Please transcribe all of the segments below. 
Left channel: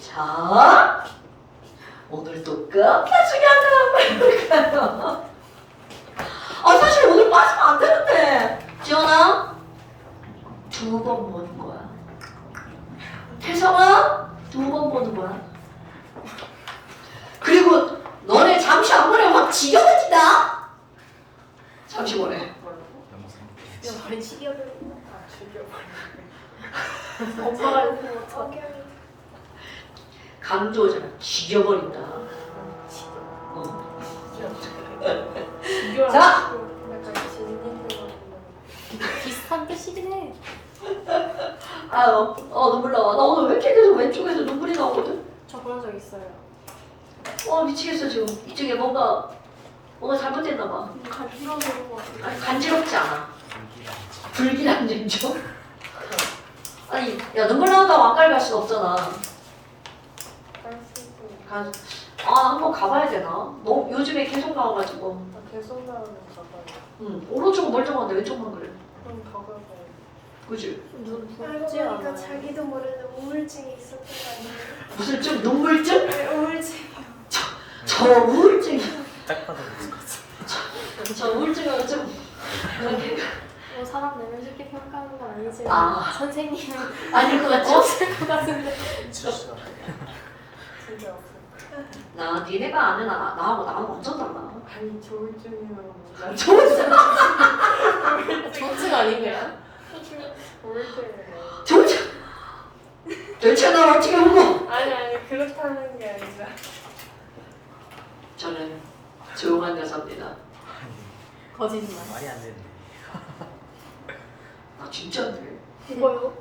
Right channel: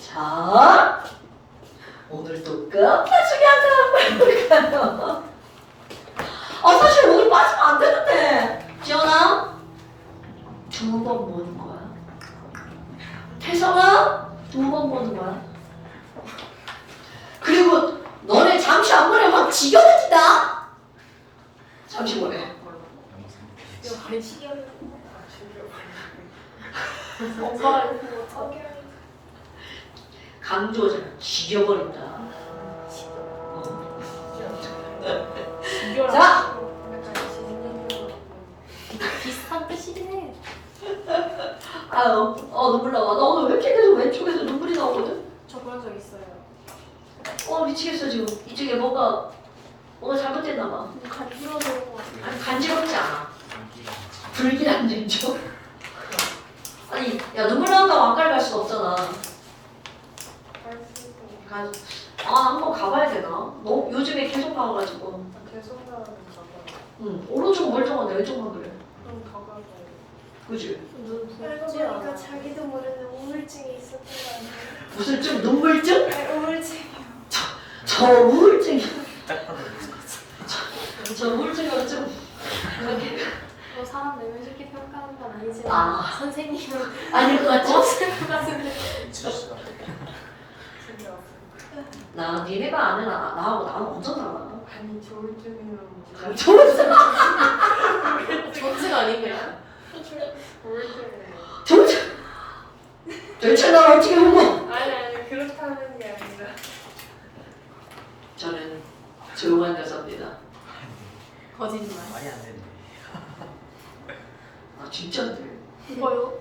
자, 오늘 또 끝내주게 하나 한번 해볼까요? 사실 오늘 빠지면 안 되는데. 지연아, 2번 보는 거야. 태성아, 2번 보는 거야. 그리고 너네 잠시 안 보내 확 지겨워진다. 잠시 보내. 머리 시계를 엄마가 이거 못하게 강조잖아. 지겨버린다. 자! 비슷한 뜻이긴 해. 아유, 눈물 나와. 나 오늘 왜 이렇게 계속 왼쪽에서 눈물이 나오거든? 저 그런 적 있어요. 미치겠어 지금. 이쪽에 뭔가 잘못됐나 봐. 간지러워서 그런 거 같아요. 아니, 간지럽지 않아. 불길한 냉정. 아니, 야 눈물 나온다고 안 가려갈 수가 없잖아. 나 한번 가봐야 되나? 너 요즘에 계속 나와가지고. 계속 나오는 거 응, 오른쪽은 멀쩡한데 왼쪽만 그래. 그럼 가봐야 그지? 알고 보니까 자기도 모르는 우울증이 있었던 거 아니에요? 무슨 좀 눈물증? 네, 우울증이요. 저 우울증이. 딱 봐도 저 우울증은 좀 그렇게 뭐 사람 내면 쉽게 평가하는 건 아니지만 아. 선생님은 아닐 것 같죠? 없을 것 같은데. 진짜 진짜 없어. 나 니네가 아는 나하고 완전 달라. 아니 저 우울증이면 좋은 우울증 아닌가요? 우울증이에요. 좋은 도대체 나 어떻게 보고? 아니 그렇다는 게 아니라 저는 조용한 여자입니다. 거짓말. 말이 안 되네. 진짜인데. 그거요?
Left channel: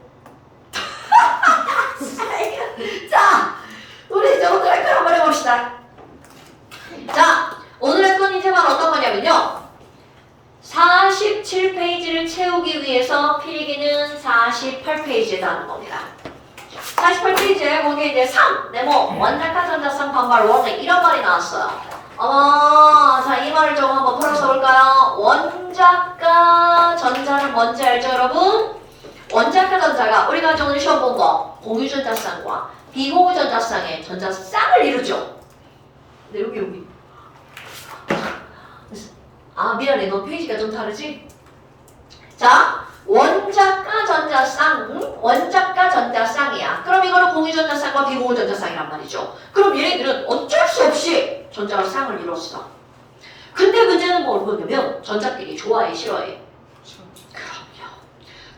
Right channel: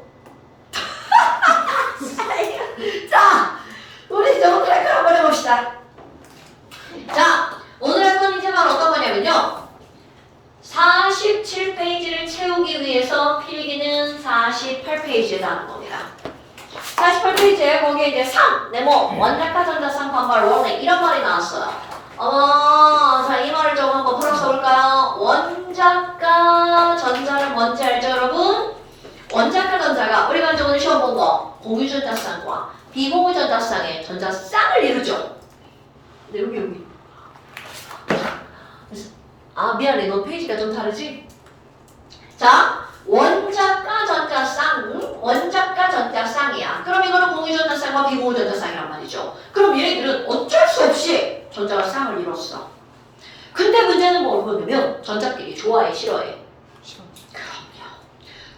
자, 우리 이제 오늘 할 걸 한번 해봅시다. 자, 오늘 할 건 이제만 어떤 거냐면요. 47페이지를 채우기 위해서 필기는 48페이지에 나오는 겁니다. 48페이지에 거기에 이제 3, 네모, 원자카 전자쌍 반발 원래 이런 말이 나왔어요. 자, 이 말을 좀 한번 풀어서 볼까요? 원자과 전자는 뭔지 알죠, 여러분? 원자과 전자가 우리가 이제 오늘 시험 본 거 공유전자쌍과 비공유전자쌍의 전자쌍을 이루죠. 근데 여기 미안해, 너 페이지가 좀 다르지? 자, 원자과 전자쌍, 원자과 전자쌍이야. 그럼 이거는 공유전자쌍과 비공유전자쌍이란 말이죠. 그럼 얘네들은 어쩔 수 없이 전자가 쌍을 이뤘어. 근데 문제는 뭐냐면 전자끼리 좋아해, 싫어해?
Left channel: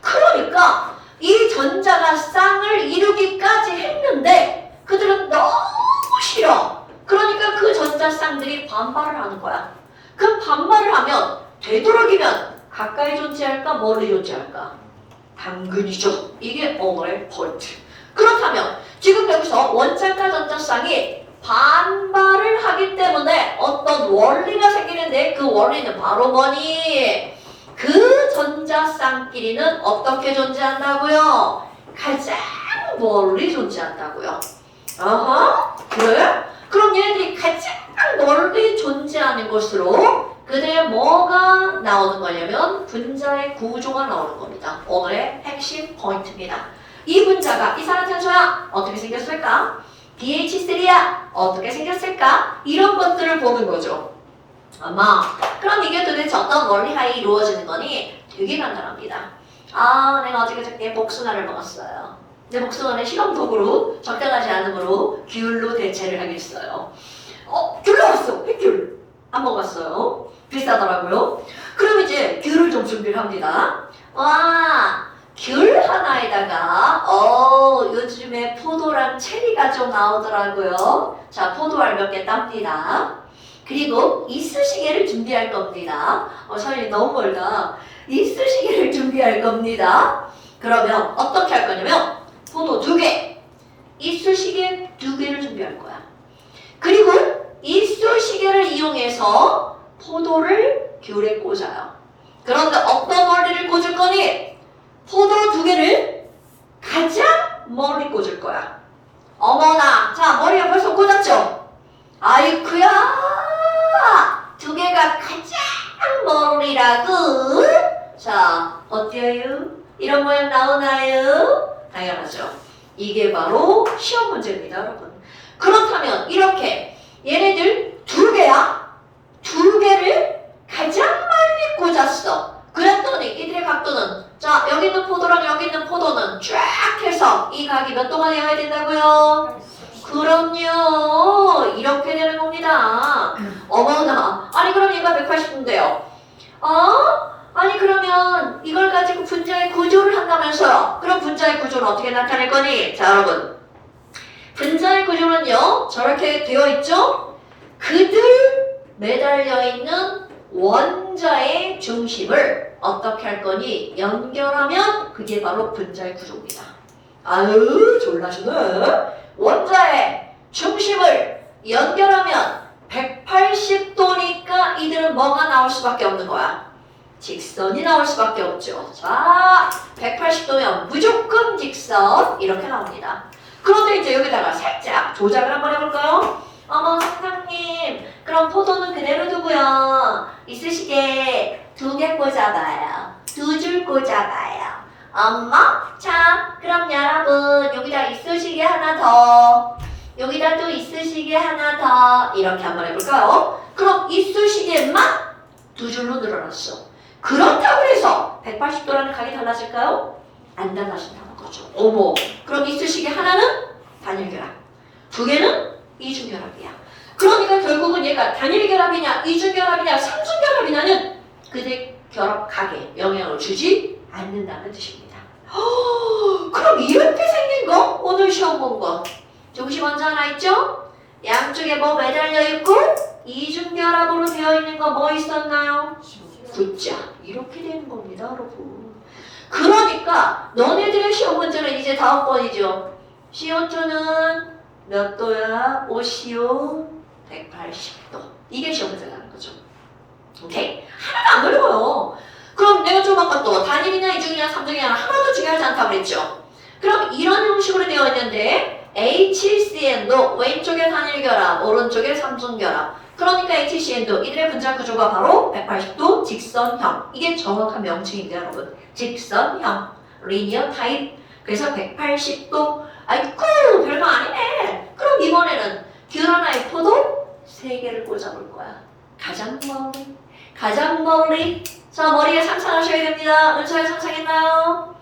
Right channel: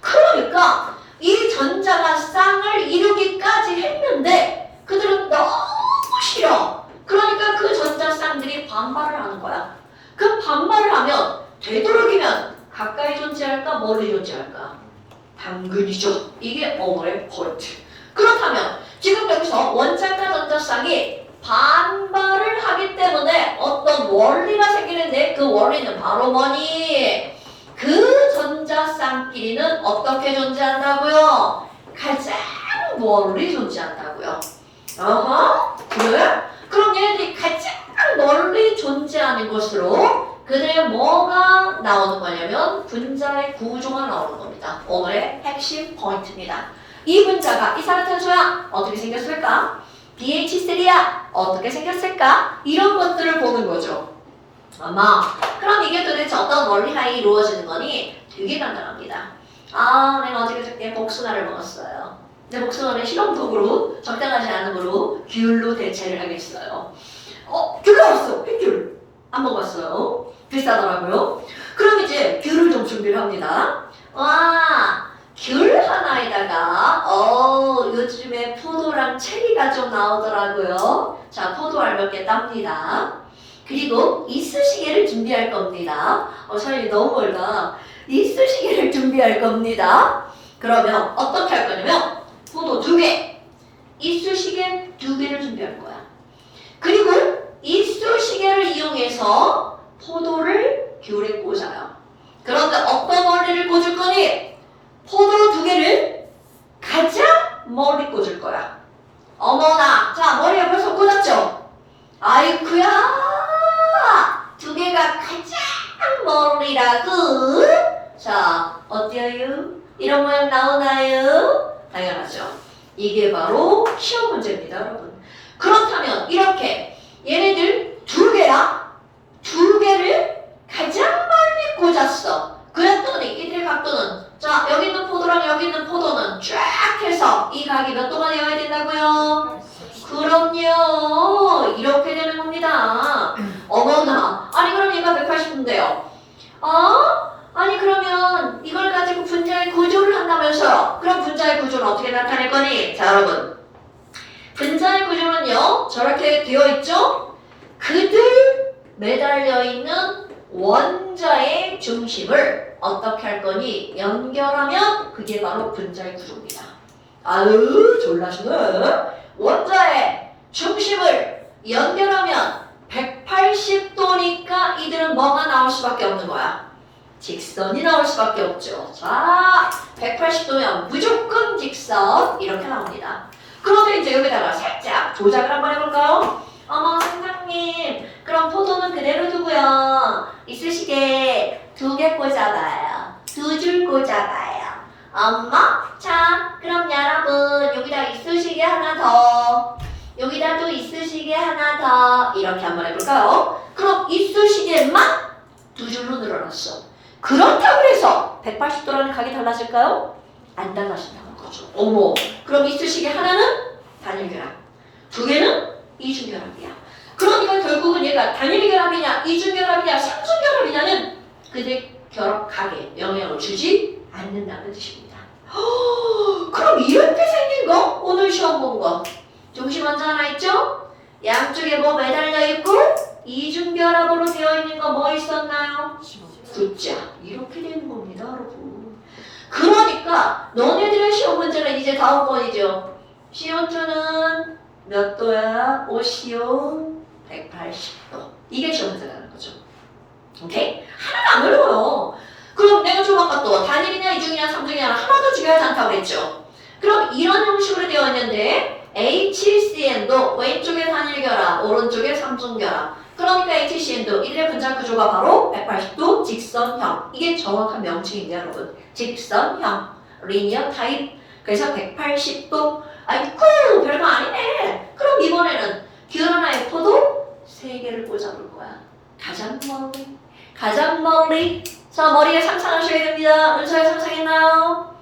그러니까 이 전자가 쌍을 이루기까지 했는데 그들은 너무 싫어. 그러니까 그 전자쌍들이 반발을 하는 거야. 그 반발을 하면 되도록이면 가까이 존재할까 멀리 존재할까? 당근이죠. 이게 어머의 포인트. 그렇다면 지금 여기서 원자과 전자쌍이 반발을 하기 때문에 어떤 원리가 생기는데 그 원리는 바로 뭐니? 그 전자쌍끼리는 어떻게 존재한다고요? 가장 멀리 존재한다고요. 그래? 그럼 얘네들이 가장 멀리 존재하는 것으로 그들의 뭐가 나오는 거냐면 분자의 구조가 나오는 겁니다. 오늘의 핵심 포인트입니다. 이 분자가 이산화탄소야 어떻게 생겼을까? BH3야 어떻게 생겼을까? 이런 것들을 보는 거죠. 그럼 이게 도대체 어떤 원리하에 이루어지는 거니? 되게 간단합니다. 내가 어저께 복숭아를 먹었어요. 내 복숭아는 실험독으로 적당하지 않으므로 귤로 대체를 하겠어요. 귤 나왔어. 햇귤. 안 먹었어요. 비싸더라고요. 그럼 이제 귤을 좀 준비를 합니다. 귤 하나에다가 요즘에 포도랑 체리가 좀 나오더라고요. 자, 포도알 몇 개 땁니다. 그리고 이쑤시개를 준비할 겁니다. 사장님 너무 멀다. 이쑤시개를 준비할 겁니다. 그러면 어떻게 할 거냐면 포도 2개, 이쑤시개 2개를 준비할 거야. 그리고 이쑤시개를 이용해서 포도를 귤에 꽂아요. 그런데 어떤 원리를 꽂을 거니? 포도 2개를 가장 멀리 꽂을 거야. 어머나, 자 머리에 벌써 꽂았죠? 아이쿠야, 2개가 가장 멀리라고. 자, 어때요? 이런 모양 나오나요? 당연하죠. 이게 바로 시험 문제입니다, 여러분. 그렇다면 이렇게 얘네들 두 개야? 두 개를 가장 멀리 꽂았어. 그랬더니 이들의 각도는 자 여기 있는 포도랑 여기 있는 포도는 쫙 해서 이 각이 몇 도가 되어야 된다고요? 그럼요. 이렇게 되는 겁니다. 어머나. 아니 그럼 얘가 180도인데요. 아니 그러면 이걸 가지고 분자의 구조를 한다면서요. 그럼 분자의 구조는 어떻게 나타낼 거니? 자 여러분. 분자의 구조는요. 저렇게 되어 있죠? 그들 매달려 있는 원자의 중심을 어떻게 할 거니? 연결하면 그게 바로 분자의 구조입니다. 아유 졸라시네. 원자의 중심을 연결하면 180도니까 이들은 뭐가 나올 수밖에 없는 거야? 직선이 나올 수밖에 없죠. 자, 180도면 무조건 직선 이렇게 나옵니다. 그런데 이제 여기다가 살짝 조작을 한번 해볼까요? 어머 선생님 그럼 포도는 그대로 두고요. 이쑤시개 2개 꽂아봐요. 2줄 꽂아봐요. 엄마 자 그럼 여러분 여기다 이쑤시개 하나 더 여기다 또 이쑤시개 하나 더 이렇게 한번 해볼까요? 그럼 이쑤시개만 2줄로 늘어났어. 그렇다고 해서 180도라는 각이 달라질까요? 안 달라진다는 거죠. 어머 그럼 이쑤시개 하나는 단일결합 2개는 이중결합이야. 그러니까 결국은 얘가 단일결합이냐 이중결합이냐 삼중결합이냐는 그들 결합각에 영향을 주지 않는다는 뜻입니다. 그럼 이렇게 생긴 거 오늘 시험 본 거 중심 원자 하나 있죠? 양쪽에 뭐 매달려 있고 이중결합으로 되어 있는 거 뭐 있었나요? 숫자 이렇게 되는 겁니다 여러분. 그러니까 너네들의 시험 문제는 이제 다음번이죠. CO2는 몇 도야? 오시온 180도 이게 시험 문제라는 거죠. 오케이? 하나도 안 어려워요. 그럼 내가 좀 아까 또 단일이냐 이중이냐 삼중이냐 하나도 중요하지 않다고 그랬죠. 그럼 이런 형식으로 되어 있는데 HCN도 왼쪽에 단일결합 오른쪽에 삼중결합 그러니까 HCN도 이들의 분자 구조가 바로 180도 직선형 이게 정확한 명칭인데 여러분 직선형 리니어 타입 그래서 180도 아이쿠 별거 아니네. 그럼 이번에는 귤 하나의 포도 3개를 꽂아볼 거야. 가장 멀리 자 머리에 상상하셔야 됩니다. 은서야 상상했나요?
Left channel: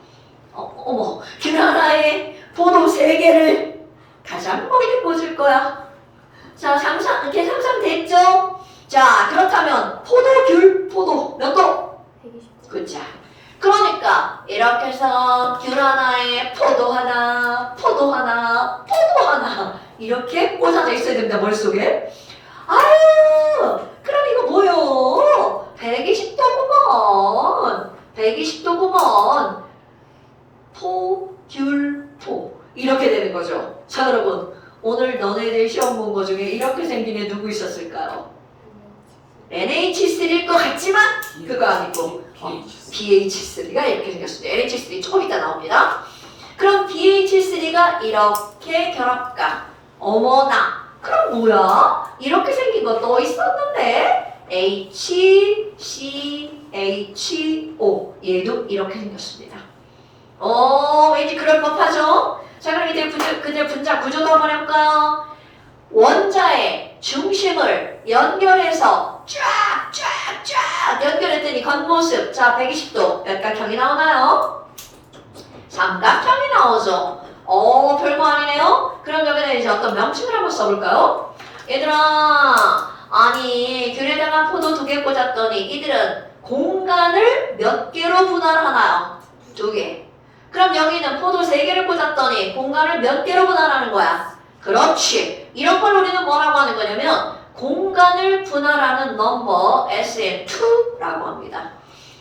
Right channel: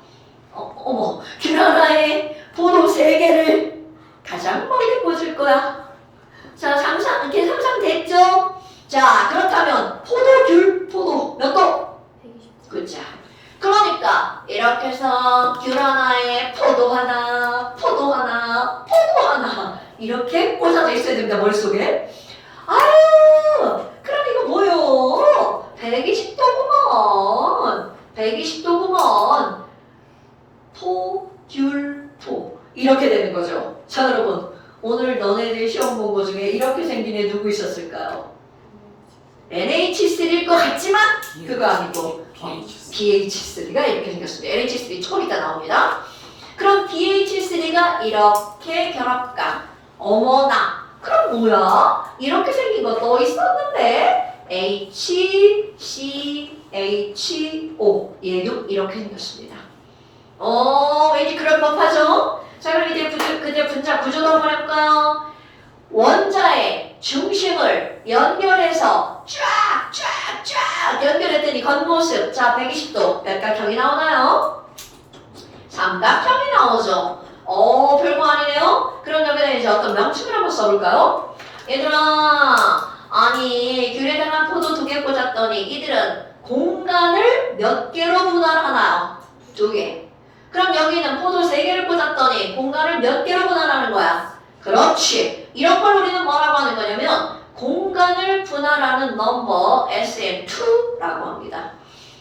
어머 귤 하나에 포도 3개를 가장 멀리 꽂을 거야. 자 이렇게 상상됐죠? 자 그렇다면 포도 몇 도? 120도. 그자 그러니까 이렇게 해서 귤 하나에 포도 하나 이렇게 꽂아져 있어야 됩니다 머릿속에. 아유 그럼 이거 뭐요? 120도구먼 포 이렇게 되는 거죠. 자 여러분 오늘 너네들 시험 본 거 중에 이렇게 생긴 애 누구 있었을까요? NH3일 것 같지만 그거 아니고 BH3가 이렇게 생겼습니다. NH3 조금 이따 나옵니다. 그럼 BH3가 이렇게 결합각 어머나 그럼 뭐야? 이렇게 생긴 거 또 있었는데 HCHO 얘도 이렇게 생겼습니다. 왠지 그럴 법하죠? 자 그럼 이제 그들 분자 구조도 한번 해볼까요? 원자의 중심을 연결해서 쫙 연결했더니 겉모습 자 120도 몇 각형이 나오나요? 삼각형이 나오죠. 별거 아니네요. 그럼 여기다 이제 어떤 명칭을 한번 써볼까요? 얘들아 아니 귤에다가 포도 2개 꽂았더니 이들은 공간을 몇 개로 분할하나요? 2개. 그럼 여기는 포도 3개를 꽂았더니 공간을 몇 개로 분할하는 거야? 그렇지. 이런 걸 우리는 뭐라고 하는 거냐면 공간을 분할하는 넘버 SN2라고 합니다.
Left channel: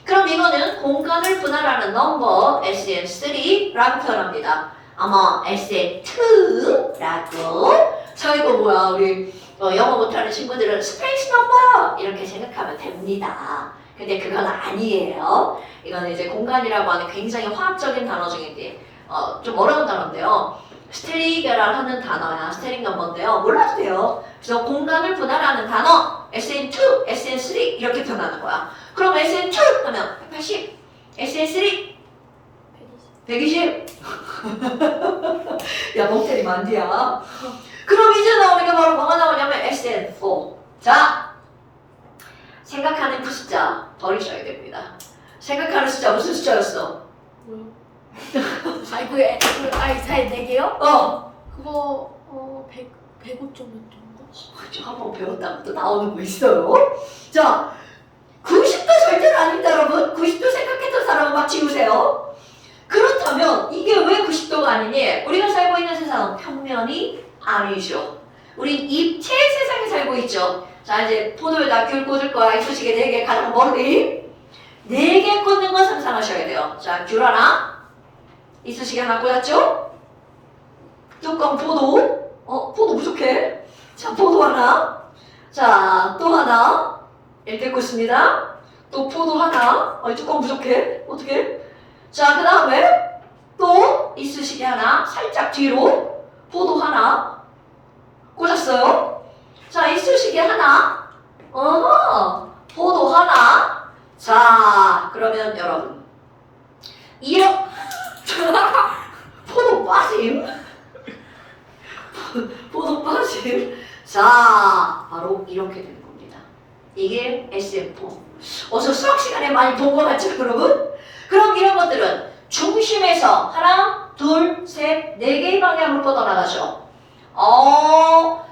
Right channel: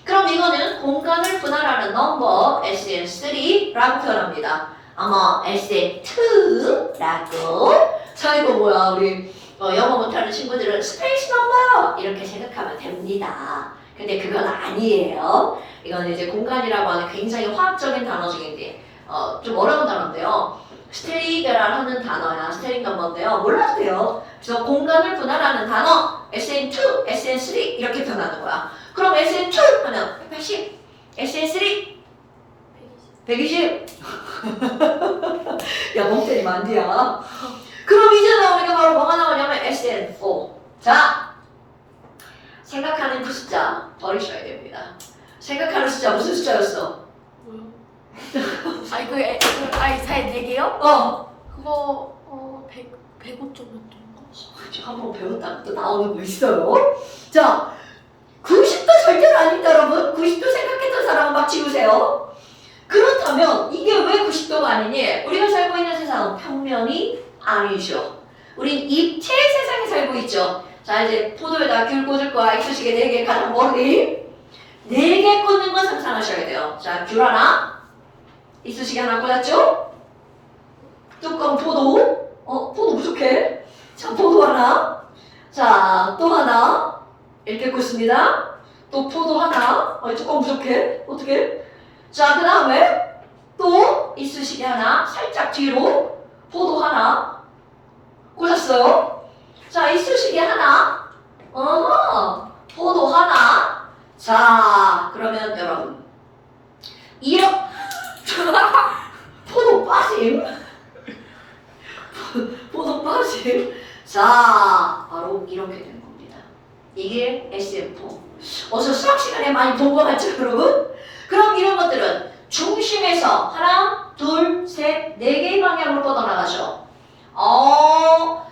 그럼 이거는 공간을 분할하는 넘버 SN3라고 표현합니다. 아마 SN2라고 자 이거 뭐야 우리 영어 못하는 친구들은 스페이스 넘버 이렇게 생각하면 됩니다. 근데 그건 아니에요. 이건 이제 공간이라고 하는 굉장히 화학적인 단어 중인데 좀 어려운 단어인데요. 스테릭이라는 단어야. 스테릭 넘버인데요. 몰라도 돼요. 그래서 공간을 분할하는 단어 SN2, SN3 이렇게 표현하는 거야. 그럼 SN2 하면 180, SN3 120 야, 멍 때리면 안 돼야. 그럼 이제 나오는 게 바로 뭐가 나오냐면 SN4. 자, 생각하는 그 숫자 버리셔야 됩니다. 생각하는 숫자 무슨 숫자였어? 뭐요? 아니 아니 잘 4개요? 그거 105.몇 ton가? 한번 배웠다가 또 나오는 거 있어요. 자, 90도 절대로 아닙니다, 여러분. 90도 생각했던 사람은 막 지우세요. 그렇다면 이게 왜 90도가 아니니? 우리가 살고 있는 세상은 평면이 아니죠. 우린 입체의 세상에 살고 있죠. 자, 이제 포도에다 귤 꽂을 거야. 이쑤시개 4개 가장 멀리. 4개 꽂는 건 상상하셔야 돼요. 자, 귤 하나. 이쑤시개 하나 꽂았죠? 뚜껑 포도. 포도 부족해. 자, 포도 하나. 자, 또 하나. 이렇게 꽂습니다. 또 포도 하나. 뚜껑 부족해. 어떻게? 자, 그 다음에 또 이쑤시개 하나. 살짝 뒤로. 포도 하나. 꽂았어요. 자, 이쑤시개 하나. 포도 하나. 자, 그러면 여러분. 포도 빠짐. 포도 빠짐. 자, 바로 이렇게 되는 겁니다. 이게 SM4. 어서 수학 시간에 많이 본 거 같죠, 여러분? 그럼 이런 것들은 중심에서 하나, 둘, 셋, 4개의 방향으로 뻗어나가죠.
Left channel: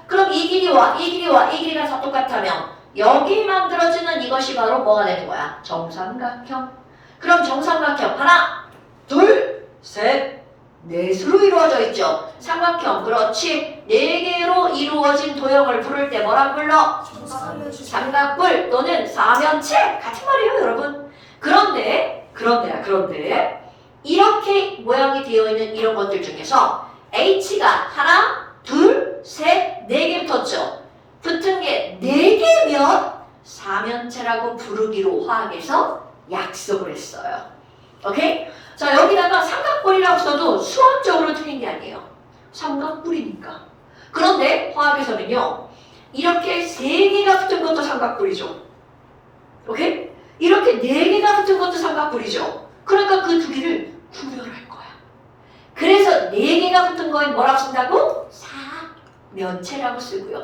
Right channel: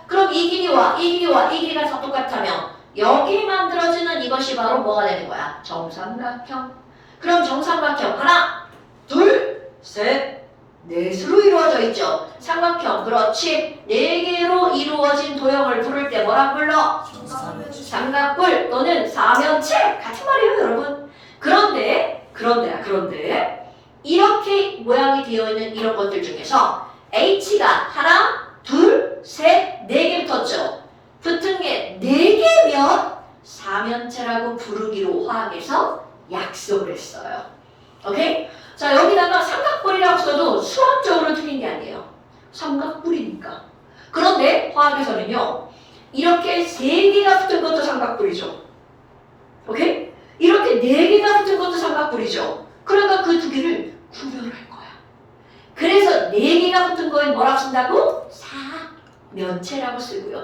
그럼 이 길이와 이 길이와 이 길이가 다 똑같다면 여기 만들어지는 이것이 바로 뭐가 되는 거야? 정삼각형. 그럼 정삼각형 하나, 둘, 셋, 넷으로 이루어져 있죠. 삼각형, 그렇지. 4개로 이루어진 도형을 부를 때 뭐라고 불러? 삼각뿔 또는 사면체. 같은 말이에요, 여러분. 그런데 이렇게 모양이 되어 있는 이런 것들 중에서 H가 하나, 둘, 셋, 4개 붙었죠. 붙은 게 4개면 사면체라고 부르기로 화학에서 약속을 했어요. 오케이? 자, 여기다가 삼각뿔이라고 써도 수학적으로 틀린 게 아니에요. 삼각뿔이니까. 그런데 화학에서는요, 이렇게 3개가 붙은 것도 삼각뿔이죠. 오케이? 이렇게 4개가 붙은 것도 삼각뿔이죠. 그러니까 그 2개를 구별할 거야. 그래서 4개가 붙은 거에 뭐라고 쓴다고? 사면체라고 쓰고요.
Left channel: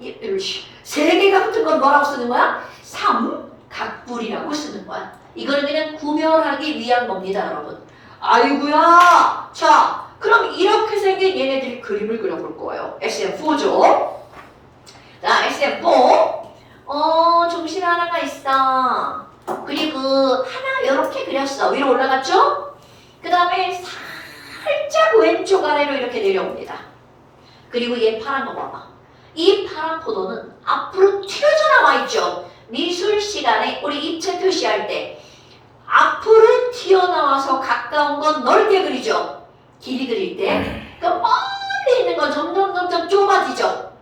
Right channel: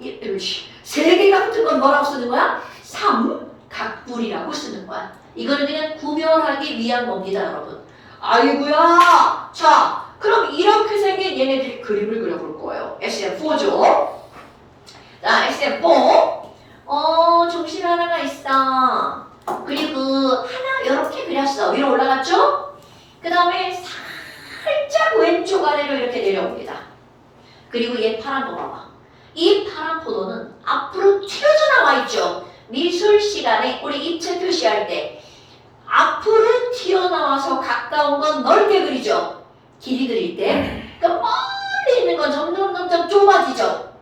3개가 붙은 건 뭐라고 쓰는 거야? 삼각뿔이라고 쓰는 거야. 이거는 그냥 구별하기 위한 겁니다, 여러분. 아이고야. 자, 그럼 이렇게 생긴 얘네들이 그림을 그려볼 거예요. SM4죠. 자, SM4. 중심에 하나가 있어. 그리고 하나 이렇게 그렸어. 위로 올라갔죠? 그 다음에 살짝 왼쪽 아래로 이렇게 내려옵니다. 그리고 얘 파란 거 봐봐. 이 파란 포도는 앞으로 튀어져 나와 있죠. 미술 시간에 우리 입체 표시할 때 앞으로 튀어나와서 가까운 건 넓게 그리죠. 길이 그릴 때. 그 멀리 있는 건 점점 좁아지죠.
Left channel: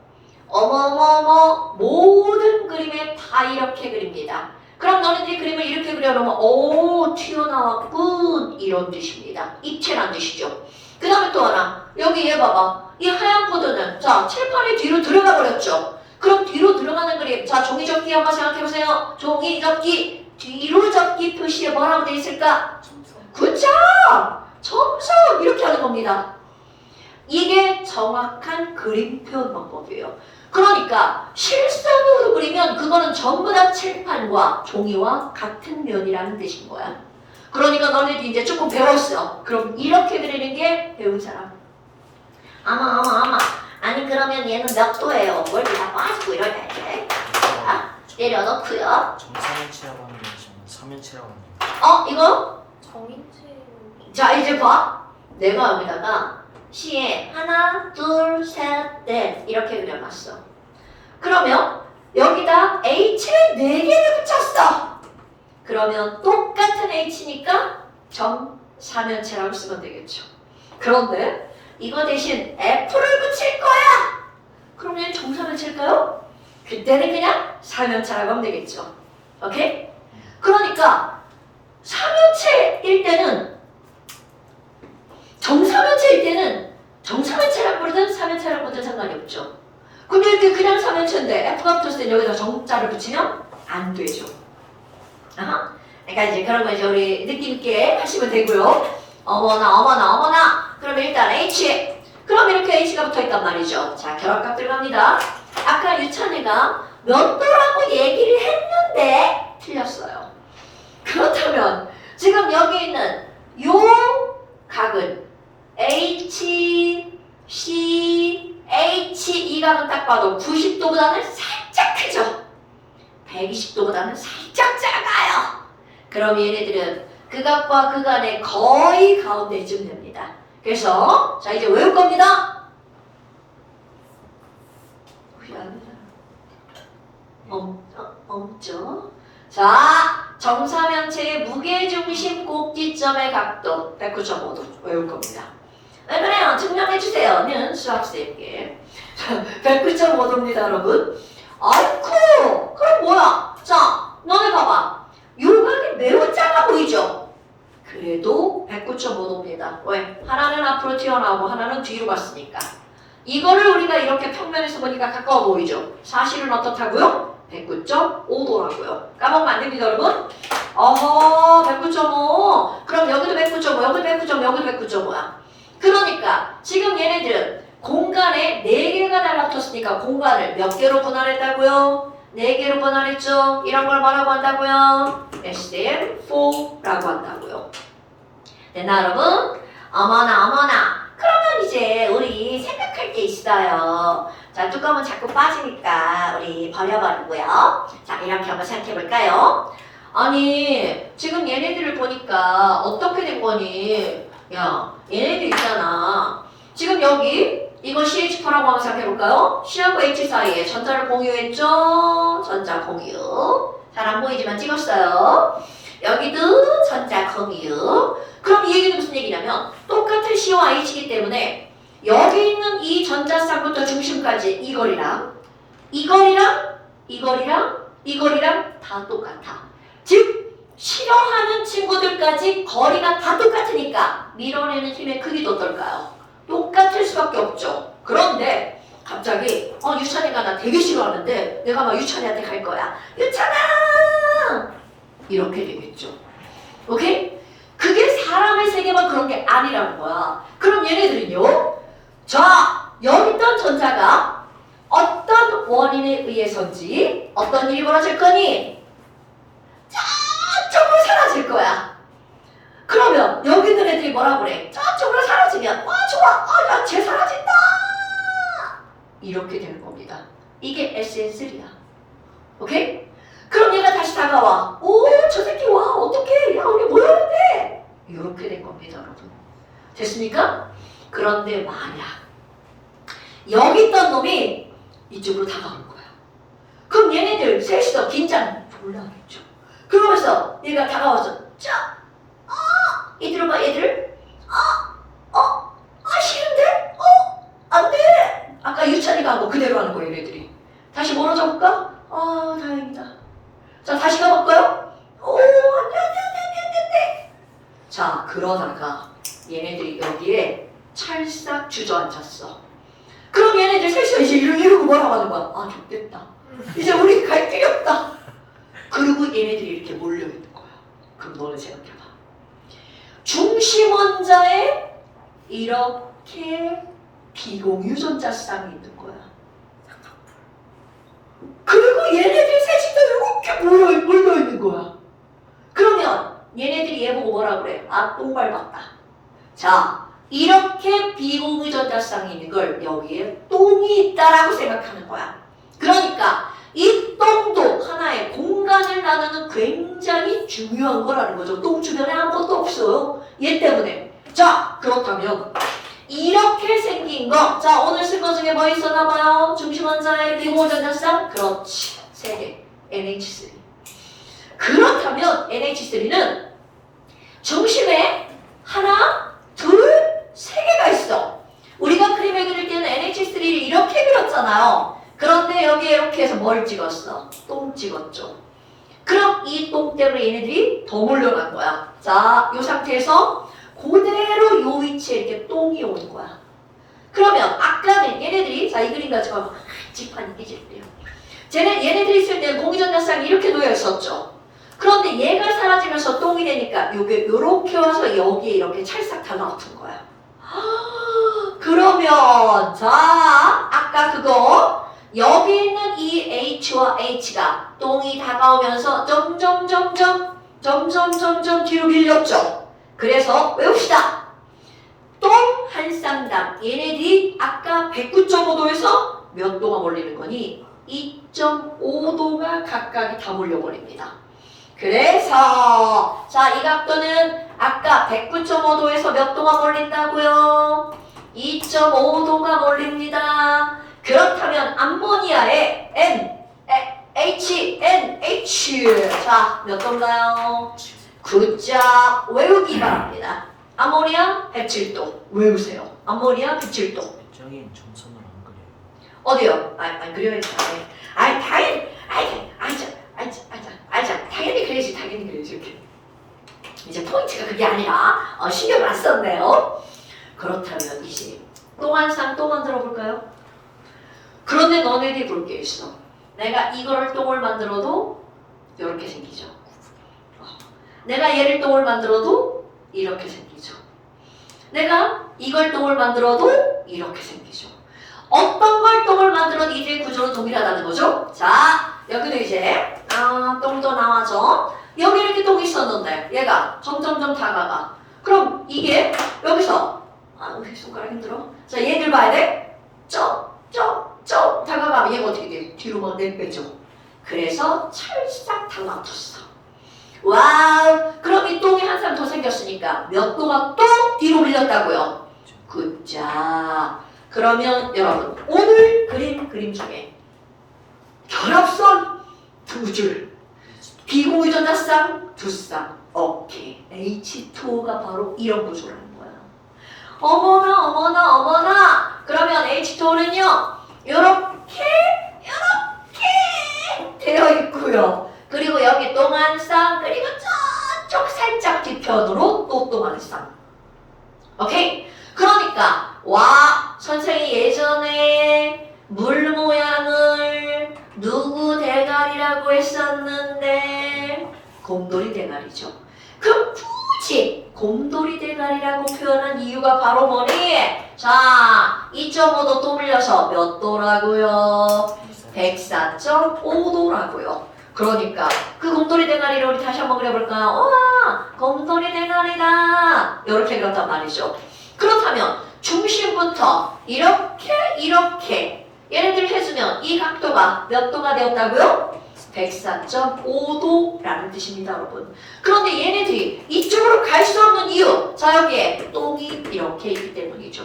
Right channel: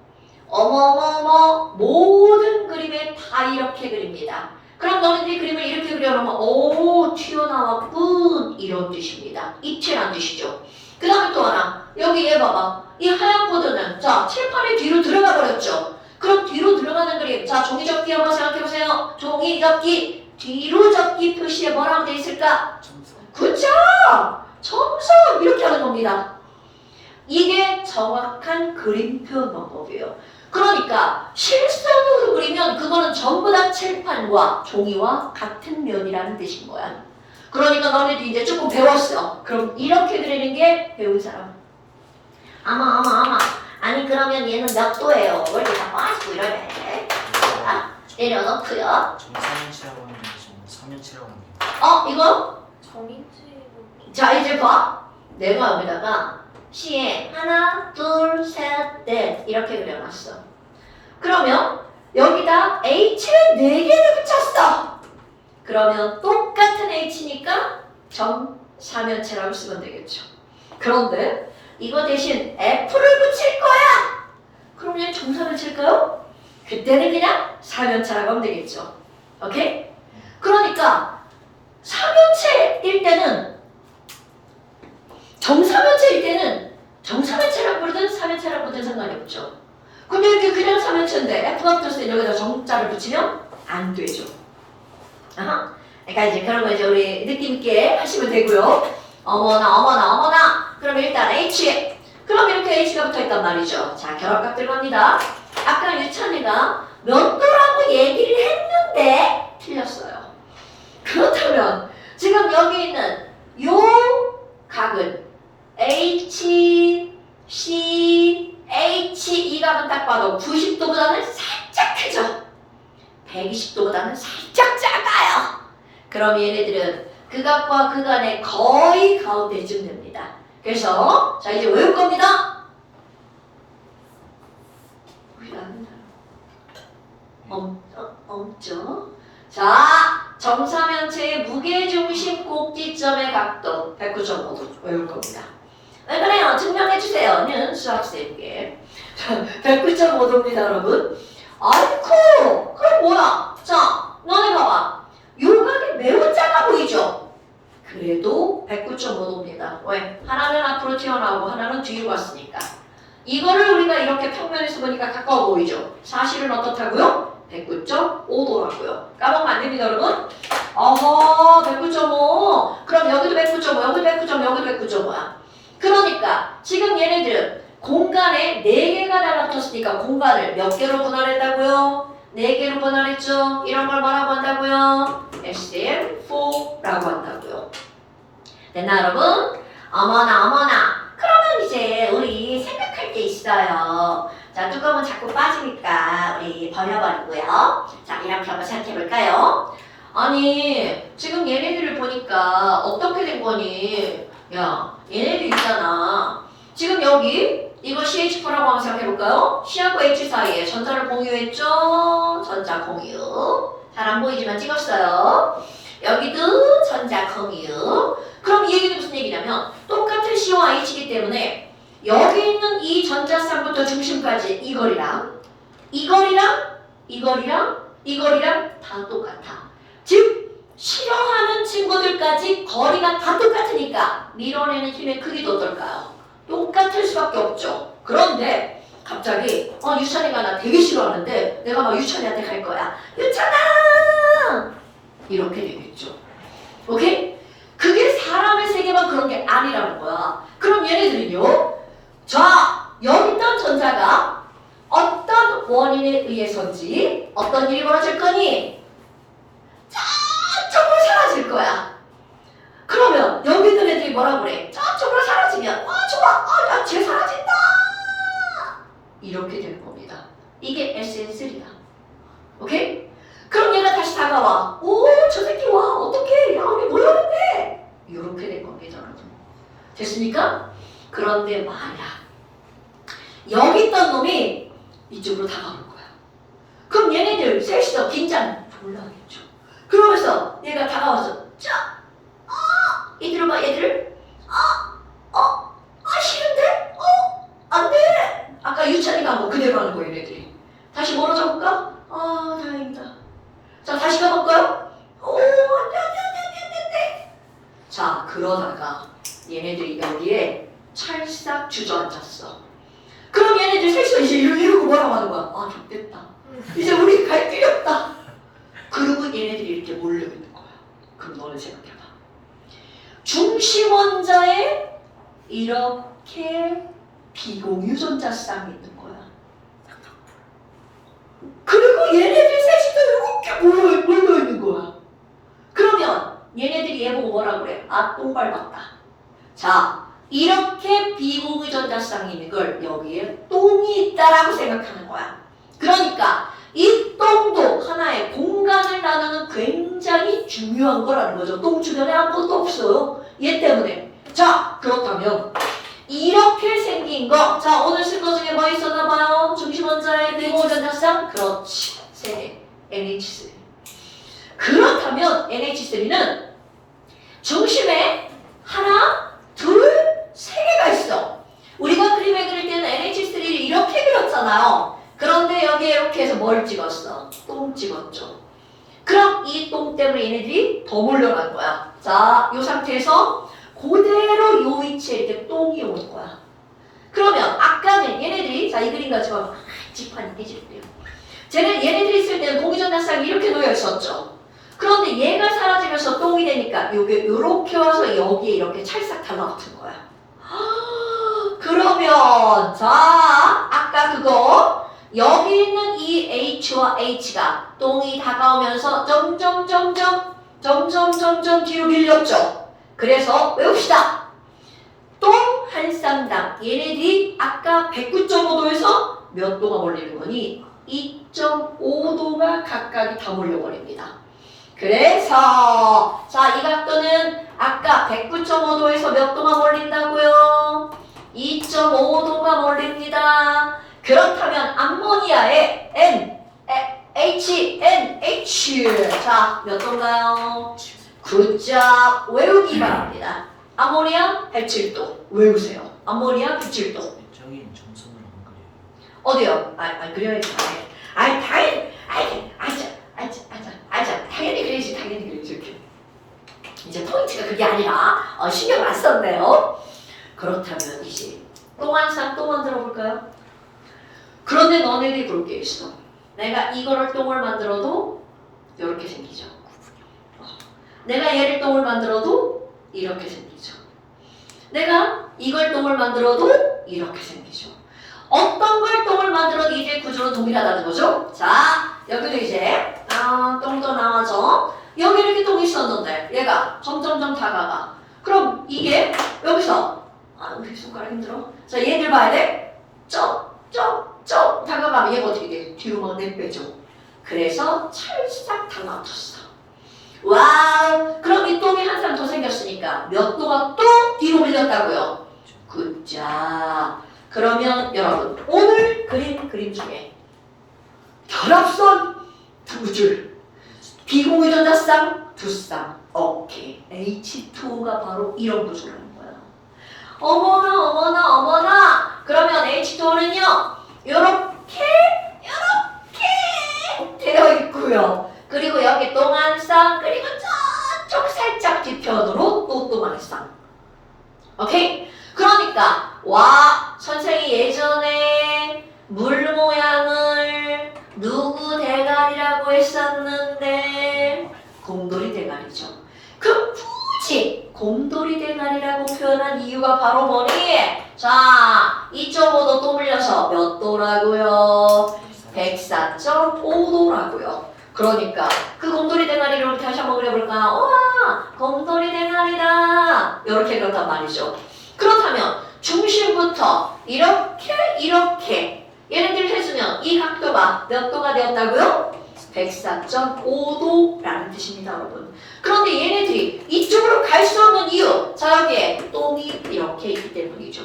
어머머머, 모든 그림에 다 이렇게 그립니다. 그럼 너네들이 그림을 이렇게 그려놓으면 오, 튀어나왔군, 이런 뜻입니다. 입체란 뜻이죠. 그 다음에 또 하나, 여기 얘 봐봐. 이 하얀 포도는 자, 칠판에 뒤로 들어가 버렸죠. 그럼 뒤로 들어가는 그림, 자, 종이 접기 한번 생각해보세요. 종이 접기, 뒤로 접기 표시에 뭐라고 돼 있을까? 굿잡! 점성! 이렇게 하는 겁니다. 이게 정확한 그림 표현 방법이에요. 그러니까 실선으로 그리면 그거는 전부 다 칠판과 종이와 같은 면이라는 뜻인 거야. 그러니까 너네들이 이제 조금 배웠어. 그럼 이렇게 그리는 게 배운 사람. 아마. 아니 그러면 얘는 몇 도예요? 뭘 이렇게 다 빠지고 이러네. 자, 내려놓고요. 정삼일체라고 하는 게 지금 삼일체라고 하는 게 이거? 정인체. 자, 이제 봐. 내가 여기다가 시에 하나, 둘, 셋, 넷 이렇게 그려놨어. 그러면 여기다 H를 4개를 붙였어. 그러면 똑같은 H니까 정사면체라고 쓰면 되겠죠. 그런데 이거 대신 F를 붙일 거야. 그럼 얘는 정사면체일까요? 그때는 그냥 사면체라고 하면 되겠죠. 오케이? 그러니까 사면체일 때는 정사면체일 때는 정사면체라고 부르든 사면체라고 부르든 상관이 없죠. 근데 이렇게 그냥 사면체인데 F가 붙었을 때 여기다 정자를 붙이면 안 되죠. 그러니까 이제 그런 거 이제 우리 느낌 있게 하시면 되고요. 어머나. 그럼 일단 H. 그럼 이렇게 H가 붙어있단 말이죠. 자, 결합값 들어갑니다. 아까 유찬이가 몇 도라고 얘기를 했는데 틀렸어요. 그렇다면 지금 여기 있는 요 각은 H, C, H 이 각은 딱 봐도 90도보다는 살짝 크죠. 120도보다는 살짝 작아요. 그럼 얘네들은 그 각과 그 간의 거의 가운데쯤 됩니다. 그래서 자 이제 외울 겁니다. 없죠. 자, 정사면체의 무게중심 꼭지점의 각도 109.5도 외울 겁니다. 왜 그래요? 증명해주세요는 수학생에게 109.5도입니다 여러분. 아이쿠 그럼 뭐야? 자 너네 봐봐 요 각이 매우 작아 보이죠? 그래도 109.5도입니다. 왜? 하나는 앞으로 튀어나오고 하나는 뒤로 갔으니까 이거를 우리가 이렇게 평면에서 보니까 가까워 보이죠? 사실은 어떻다고요? 109.5도라고요. 까먹으면 안 됩니다, 여러분. 어허, 109.5. 그럼 여기도 109.5, 여기도 109.5, 여기도 109.5야. 그러니까 지금 얘네들은 공간에 4개가 달라붙었으니까 공간을 몇 개로 분할했다고요? 4개로 분할했죠? 이런 걸 뭐라고 한다고요? SN4라고 한다고요. 됐나, 여러분? 어머나. 그러면 이제 우리 생각할 게 있어요. 자, 뚜껑은 자꾸 빠지니까 우리 버려버리고요. 자, 이렇게 한번 생각해볼까요? 아니, 지금 얘네들을 보니까 어떻게 된 거니? 야, 얘네들 있잖아. 지금 여기 이거 CH4라고 한번 생각해볼까요? C하고 H 사이에 전자를 공유했죠? 전자 공유. 잘 안 보이지만 찍었어요. 여기도 전자 공유. 그럼 이 얘기는 무슨 얘기냐면 똑같은 C와 H이기 때문에 여기 있는 이 전자쌍부터 중심까지 이 거리랑 다 똑같아. 즉 싫어하는 친구들까지 거리가 다 똑같으니까 밀어내는 힘의 크기도 어떨까요? 똑같을 수밖에 없죠. 그런데 갑자기 유찬이가 나 되게 싫어하는데 내가 막 유찬이한테 갈 거야. 유찬아! 이렇게 되겠죠. 오케이? 그게 사람의 세계만 그런 게 아니라는 거야. 그럼 얘네들은요? 자, 여기 있던 전자가 어떤 원인에 의해서인지 어떤 일이 벌어질 거니? 저쪽으로 사라질 거야. 그러면 여기 있는 애들이 뭐라 그래? 저쪽으로 사라지면 좋아. 야, 쟤 사라진다. 이렇게 되는 겁니다. 이게 SN3야. 오케이? 그럼 얘가 다시 다가와. 오, 저 새끼 와. 어떡해. 야, 우리 뭐 하는데? 이렇게 된 겁니다, 여러분. 됐습니까? 그런데 만약 여기 있던 놈이 이쪽으로 다가올 거야. 그럼 얘네들 셋이서 긴장 졸라 하겠죠. 그러면서 얘가 다가와서 얘들아 봐 얘들 싫은데? 안 돼! 아까 유찬이가 한 거 그대로 하는 거예요 얘네들이. 다시 멀어져 볼까? 다행이다. 자 다시 가볼까요? 안 돼. 자 그러다가 얘네들이 여기에 찰싹 주저앉았어. 그럼 얘네들 셋이서 이제 이러고 뭐라고 하는 거야? 좋겠다. 이제 우리 갈 길이 없다. 그리고 얘네들이 이렇게 몰려있는 거야. 그럼 너는 생각해봐. 중심 원자에 이렇게 비공유 전자쌍이 있는 거야. 그리고 얘네들 셋이서 이렇게 몰려있는 거야. 그러면 얘네들이 얘 보고 뭐라 그래? 똥 밟았다. 자, 이렇게 비공유 전자쌍이 있는 걸 여기에 똥이 있다라고 생각하는 거야. 그러니까 이 똥도 하나의 공간을 나누는 굉장히 중요한 거라는 거죠. 똥 주변에 아무것도 없어요. 얘 때문에. 자, 그렇다면 이렇게 생긴 거. 자, 오늘 쓴 거 중에 뭐 있었나 봐요? 중심 원자의 비공유 전자쌍? 그렇지. 3개. NH3. 그렇다면 NH3는 중심에 하나, 둘, 3개가 있어. 우리가 그림을 그릴 때는 NH3를 이렇게 그렸잖아요. 그런데 여기에 이렇게 해서 뭘 찍었어? 똥 찍었죠. 그럼 이 똥 때문에 얘네들이 더 몰려간 거야. 자, 이 상태에서 그대로 요 위치에 이렇게 똥이 오는 거야. 그러면 아까는 얘네들이 이 그림 가지고 지판이 깨질게요. 얘네들이 있을 때는 공유전자쌍이 이렇게 놓여 있었죠. 그런데 얘가 사라지면서 똥이 되니까 요게 요렇게 와서 여기에 이렇게 찰싹 달라붙은 거야. 자, 아까 그거 여기 있는 이 H와 H가 똥이 다가오면서 점점 뒤로 밀렸죠. 그래서 외웁시다. 똥 한 쌍당 얘네들이 아까 109.5도에서 몇 도가 몰리는 거니? 2.5도가 각각 다 몰려버립니다. 그래서 자, 이 각도는 아까 109.5도에서 몇 도가 몰린다고요? 2.5도가 몰립니다. 그렇다면 암모니아의 NH 자, 몇 도인가요? 굿잡 외우기 바랍니다. 암모니아 107도 외우세요. 암모니아 107도. 저기 점선은 안 그래요. 어디요? 아니 그래야지. 당연히 그래야지. 이렇게. 이제 포인트가 그게 아니라 신경 안 썼네요. 그렇다면 이제 똥 한 쌍 또 만들어 볼까요? 그런데 너네들이 볼 게 있어. 내가 이거를 똥을 만들어도 이렇게 생기죠. 내가 얘를 똥을 만들어도 이렇게 생기죠. 내가 이걸 똥을 만들어도 이렇게 생기죠. 어떤 걸 똥을 만들어도 이제 구조는 동일하다는 거죠. 자, 여기도 이제 똥도 나와서 여기 이렇게 똥이 있었는데 얘가 점점 다가가. 그럼 이게 여기서 우리 손가락 힘들어. 자, 얘들 봐야 돼. 쩍 다가가면 얘가 어떻게 돼? 뒤로 막 내빼죠. 그래서 찰싹 달라붙었어. 와우! 그럼 이 똥이 한 쌍 더 생겼으니까 몇 도가 또 뒤로 밀렸다고요? 굿자. 그러면 여러분 오늘 그린 그림 중에 결합선 2줄, 비공유전자쌍 2쌍, 오케이. H2O가 바로 이런 구조라는 거야. 어머나. 그러면 H2O는요 요렇게 되어 있고요. 그리고 여기 똥 한 쌍, 그리고 저쪽 살짝 뒤편으로 또 똥 한 쌍. 오케이? 그러니까 선생이 예전에 물 모양을 누구 대가리라고 했었는데 곰돌이 대가리죠. 그럼 굳이 곰돌이 대가리라고 표현한 이유가 바로 뭐니? 자, 2.5도 또 물려서 몇 도라고요? 104.5도라고요. 그러니까 그 곰돌이 대가리를 우리 다시 한번 그려볼까요? 우와, 곰돌이 대가리다. 이렇게 그렸단 말이죠. 그렇다면 중심부터 이렇게 얘네들 해주면 이 각도가 몇 도가 되었다고요? 104.5도라는 뜻입니다, 여러분. 그런데 얘네들이 이쪽으로 갈 수 없는 이유, 자 여기에 똥이 이렇게 있기 때문이죠.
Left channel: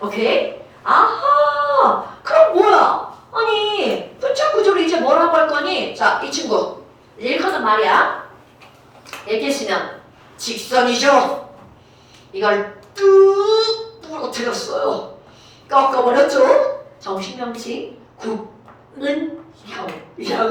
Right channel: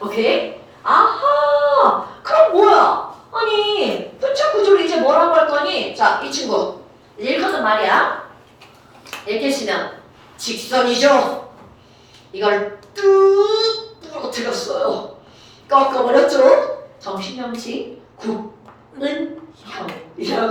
오케이? 아하, 그럼 뭐야? 아니, 분자 구조를 이제 뭐라고 할 거니? 자, 이 친구 읽어서 말이야. 이렇게 쓰면 직선이죠. 이걸 뚝 부러뜨렸어요. 꺾어버렸죠. 정신명칭 구분형이라고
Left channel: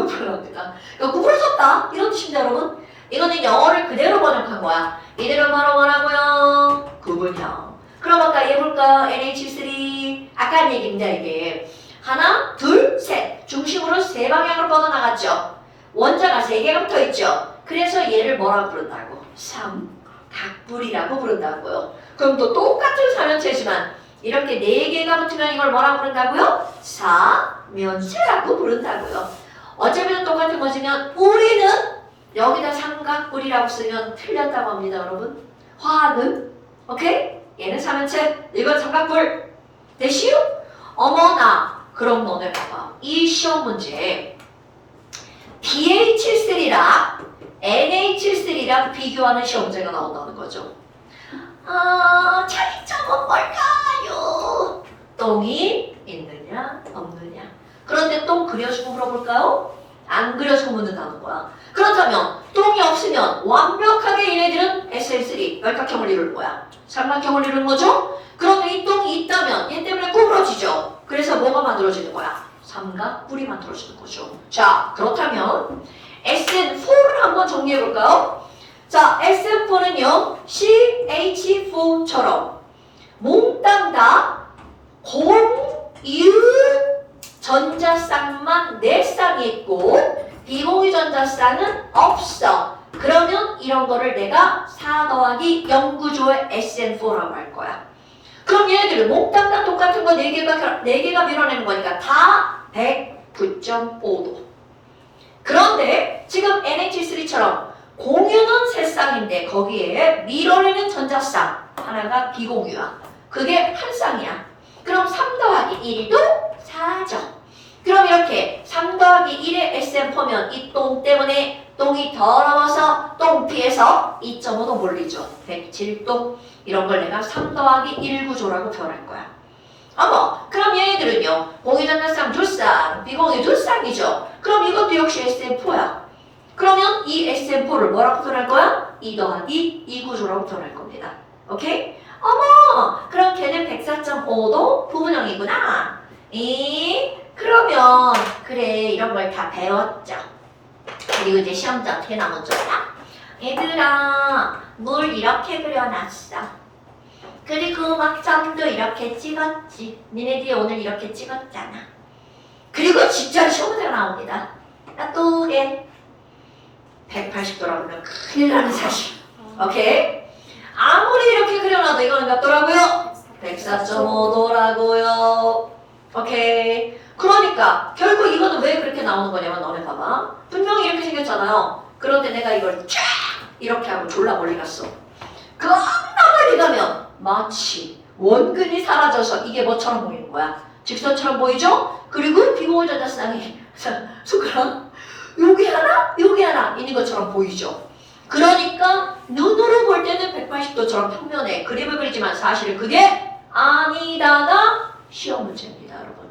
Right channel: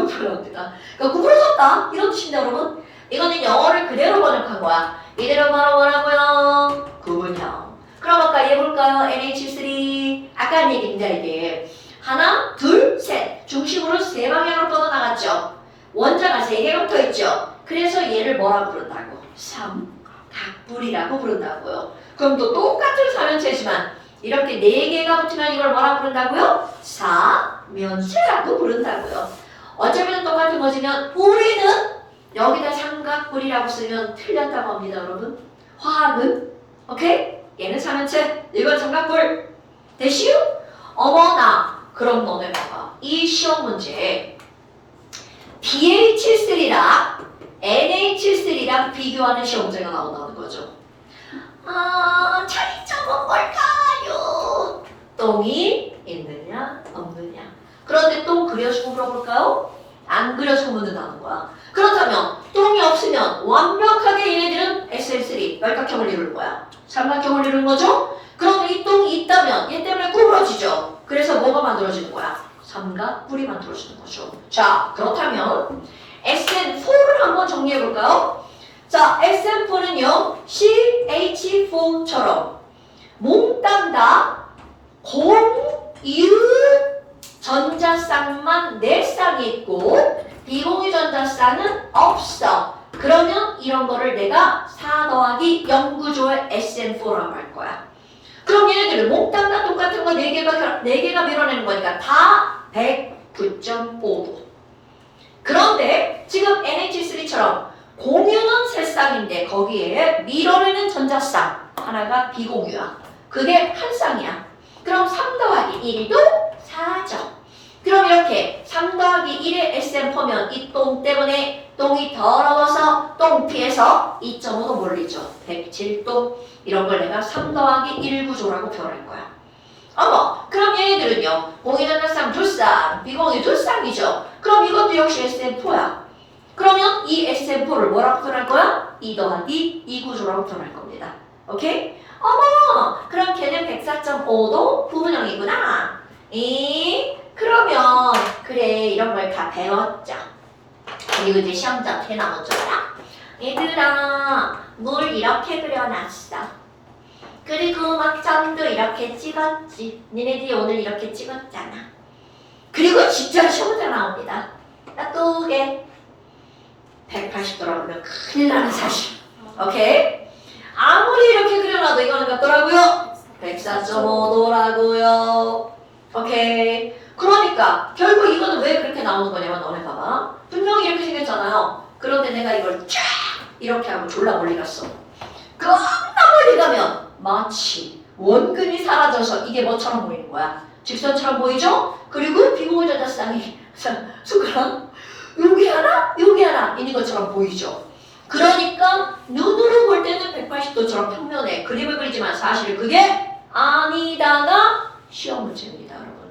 표현합니다. 그러니까 구부러졌다 이런 뜻입니다, 여러분. 이거는 영어를 그대로 번역한 거야. 이들은 바로 뭐라고요? 구분형. 그럼 아까 얘 볼까요? NH3 아까 한 얘기입니다. 이게 하나, 둘, 셋 중심으로 세 방향으로 뻗어나갔죠. 원자가 세 개가 붙어있죠. 그래서 얘를 뭐라고 부른다고? 삼각뿔이라고 부른다고요. 그럼 또 똑같은 삼연체지만 이렇게 네 개가 붙으면 이걸 뭐라고 부른다고요? 사면체라고 부른다고요. 어쩌면 똑같은 거지만 우리는 여기다 삼각뿔이라고 쓰면 틀렸다고 합니다, 여러분. 화학은 오케이? 얘는 사면체, 이건 삼각뿔. 됐시요? 어머나, 그럼 너네 봐봐. 이 시험 문제에 BH3랑 NH3랑 비교하는 시험 문제가 나온다는 거죠. 차이점은 뭘까요? 똥이 있느냐 없느냐. 그런데 똥 그려주고 물어볼까요? 안 그려주고 묻는다는 거야. 그렇다면 똥이 없으면 완벽하게 얘네들은 SL3 말각형을 이룰 거야. 삼각형을 이루는 거죠? 그런데 이 똥이 있다면 얘 때문에 구부러지죠. 그래서 뭐가 만들어지는 거야? 삼각뿔이 만들어지는 거죠. 자, 그렇다면 SN4를 한번 정리해볼까요? 자, SN4는요 CH4처럼 몽땅 다 공유 전자쌍만 4쌍이 있고 비공유 전자쌍은 없어. 그러면 이런 거를 내가 4 더하기 0 구조의 SN4라고 할 거야. 그럼 얘네들은 몽땅 다 똑같은 거 4개가 밀어내는 거니까 다 109.5도. 그런데 지금 NH3처럼 공유는 세 쌍인데 거기에 밀어내는 전자쌍 하나가 비공유야. 그게 한 쌍이야. 그럼 3 더하기 1도 4죠. 그럼 이렇게 3 더하기 1의 SM포면 이 똥 때문에 똥이 더러워서 똥 피해서 2.5도 몰리죠. 107도. 이런 걸 내가 3 더하기 1 구조라고 표현할 거야. 어머, 그럼 얘네들은요. 공유전자쌍 2쌍, 비공유 2쌍이죠. 그럼 이것도 역시 SM4야. 그러면 이 SM4를 뭐라고 표현할 거야? 2 더하기 2 구조라고 표현할 겁니다. 오케이? 어머, 그럼 걔는 104.5도 부분형이구나. 그러면 그래 이런 걸 다 배웠죠. 그리고 이제 시험장 대나무 쪽이다. 얘들아, 물 이렇게 그려놨어. 그리고 막 점도 이렇게 찍었지. 니네들이 오늘 이렇게 찍었잖아. 그리고 진짜 시험장 나옵니다. 나또게 180도라고 하면 큰일 나는 사실. 오케이? 아무리 이렇게 그려놔도 이거는 몇 도라고요? 104.5도라고요. 오케이? 그러니까 결국 이거는 왜 그렇게 나오는 거냐면 너네 봐봐. 분명히 이렇게 생겼잖아요. 그런데 내가 이걸 쫙 이렇게 하고 졸라 멀리 갔어. 겁나 멀리 가면 마치 원근이 사라져서 이게 뭐처럼 보이는 거야? 직선처럼 보이죠? 그리고 비공유전자쌍이 손가락 여기 하나 여기 하나 있는 것처럼 보이죠? 그러니까 눈으로 볼 때는 180도처럼 평면에 그림을 그리지만 사실 그게 아니다가 시험 문제입니다, 여러분.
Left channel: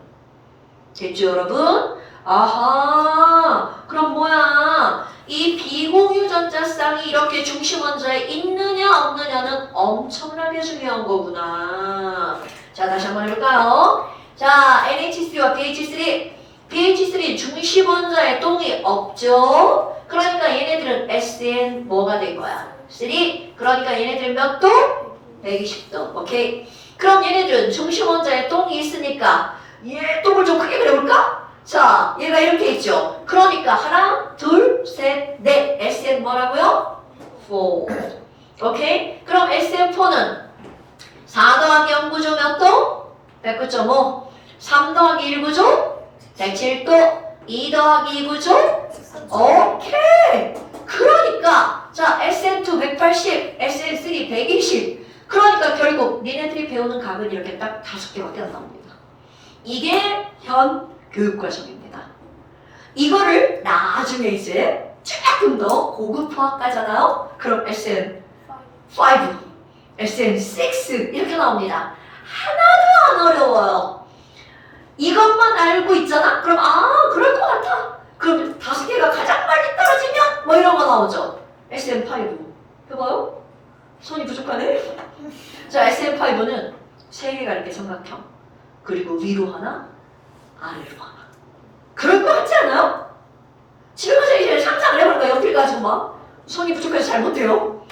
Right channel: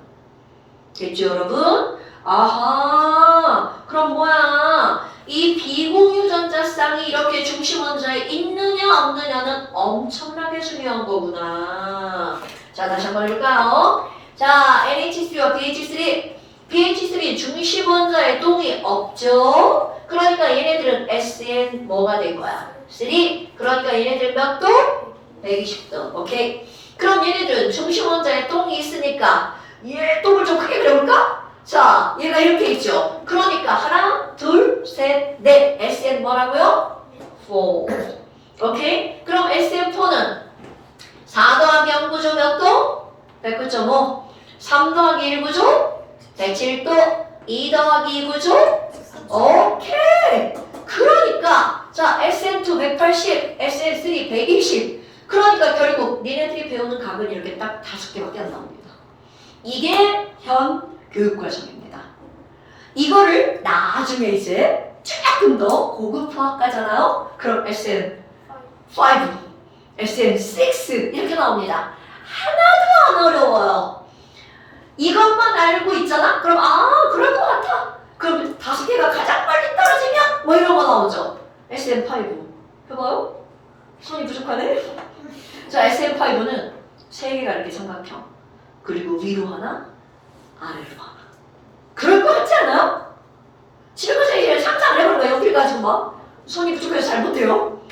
됐죠, 여러분? 아하, 그럼 뭐야? 이 비공유 전자쌍이 이렇게 중심 원자에 있느냐 없느냐는 엄청나게 중요한 거구나. 자, 다시 한번 해볼까요? 자, NH3와 BH3. BH3 중심 원자에 똥이 없죠? 그러니까 얘네들은 SN 뭐가 된 거야? 3. 그러니까 얘네들은 몇 도? 120도. 오케이? 그럼 얘네들은 중심 원자에 똥이 있으니까 얘 똥을 좀 크게 그려볼까? 자, 얘가 이렇게 있죠. 그러니까 하나, 둘, 셋, 넷. SN 뭐라고요? 4. 오케이? 그럼 SN4는 4 더하기 0 구조 몇 도? 109.5. 3 더하기 1 구조? 107도. 2 더하기 2 구조? 오케이. 그러니까 자 SN2 180, SN3 120. 그러니까 결국 니네들이 배우는 값은 이렇게 딱 5개밖에 안 나옵니다. 이게 현 교육과정입니다. 이거를 나중에 이제 조금 더 고급 화학과잖아요. 그럼 SN5, SN6 이렇게 나옵니다. 하나도 안 어려워요. 이것만 알고 있잖아? 그럼 그럴 것 같아. 그럼 5개가 가장 빨리 떨어지면 뭐 이런 거 나오죠. SM5 해봐요. 손이 부족하네. 자, SM5는 3개가 이렇게 삼각형. 그리고 위로 하나, 아래로 하나. 그럴 것 같지 않아요? 지금부터 이제 상상을 해보는 거야. 옆을 가지고 막 손이 부족해서 잘 못해요.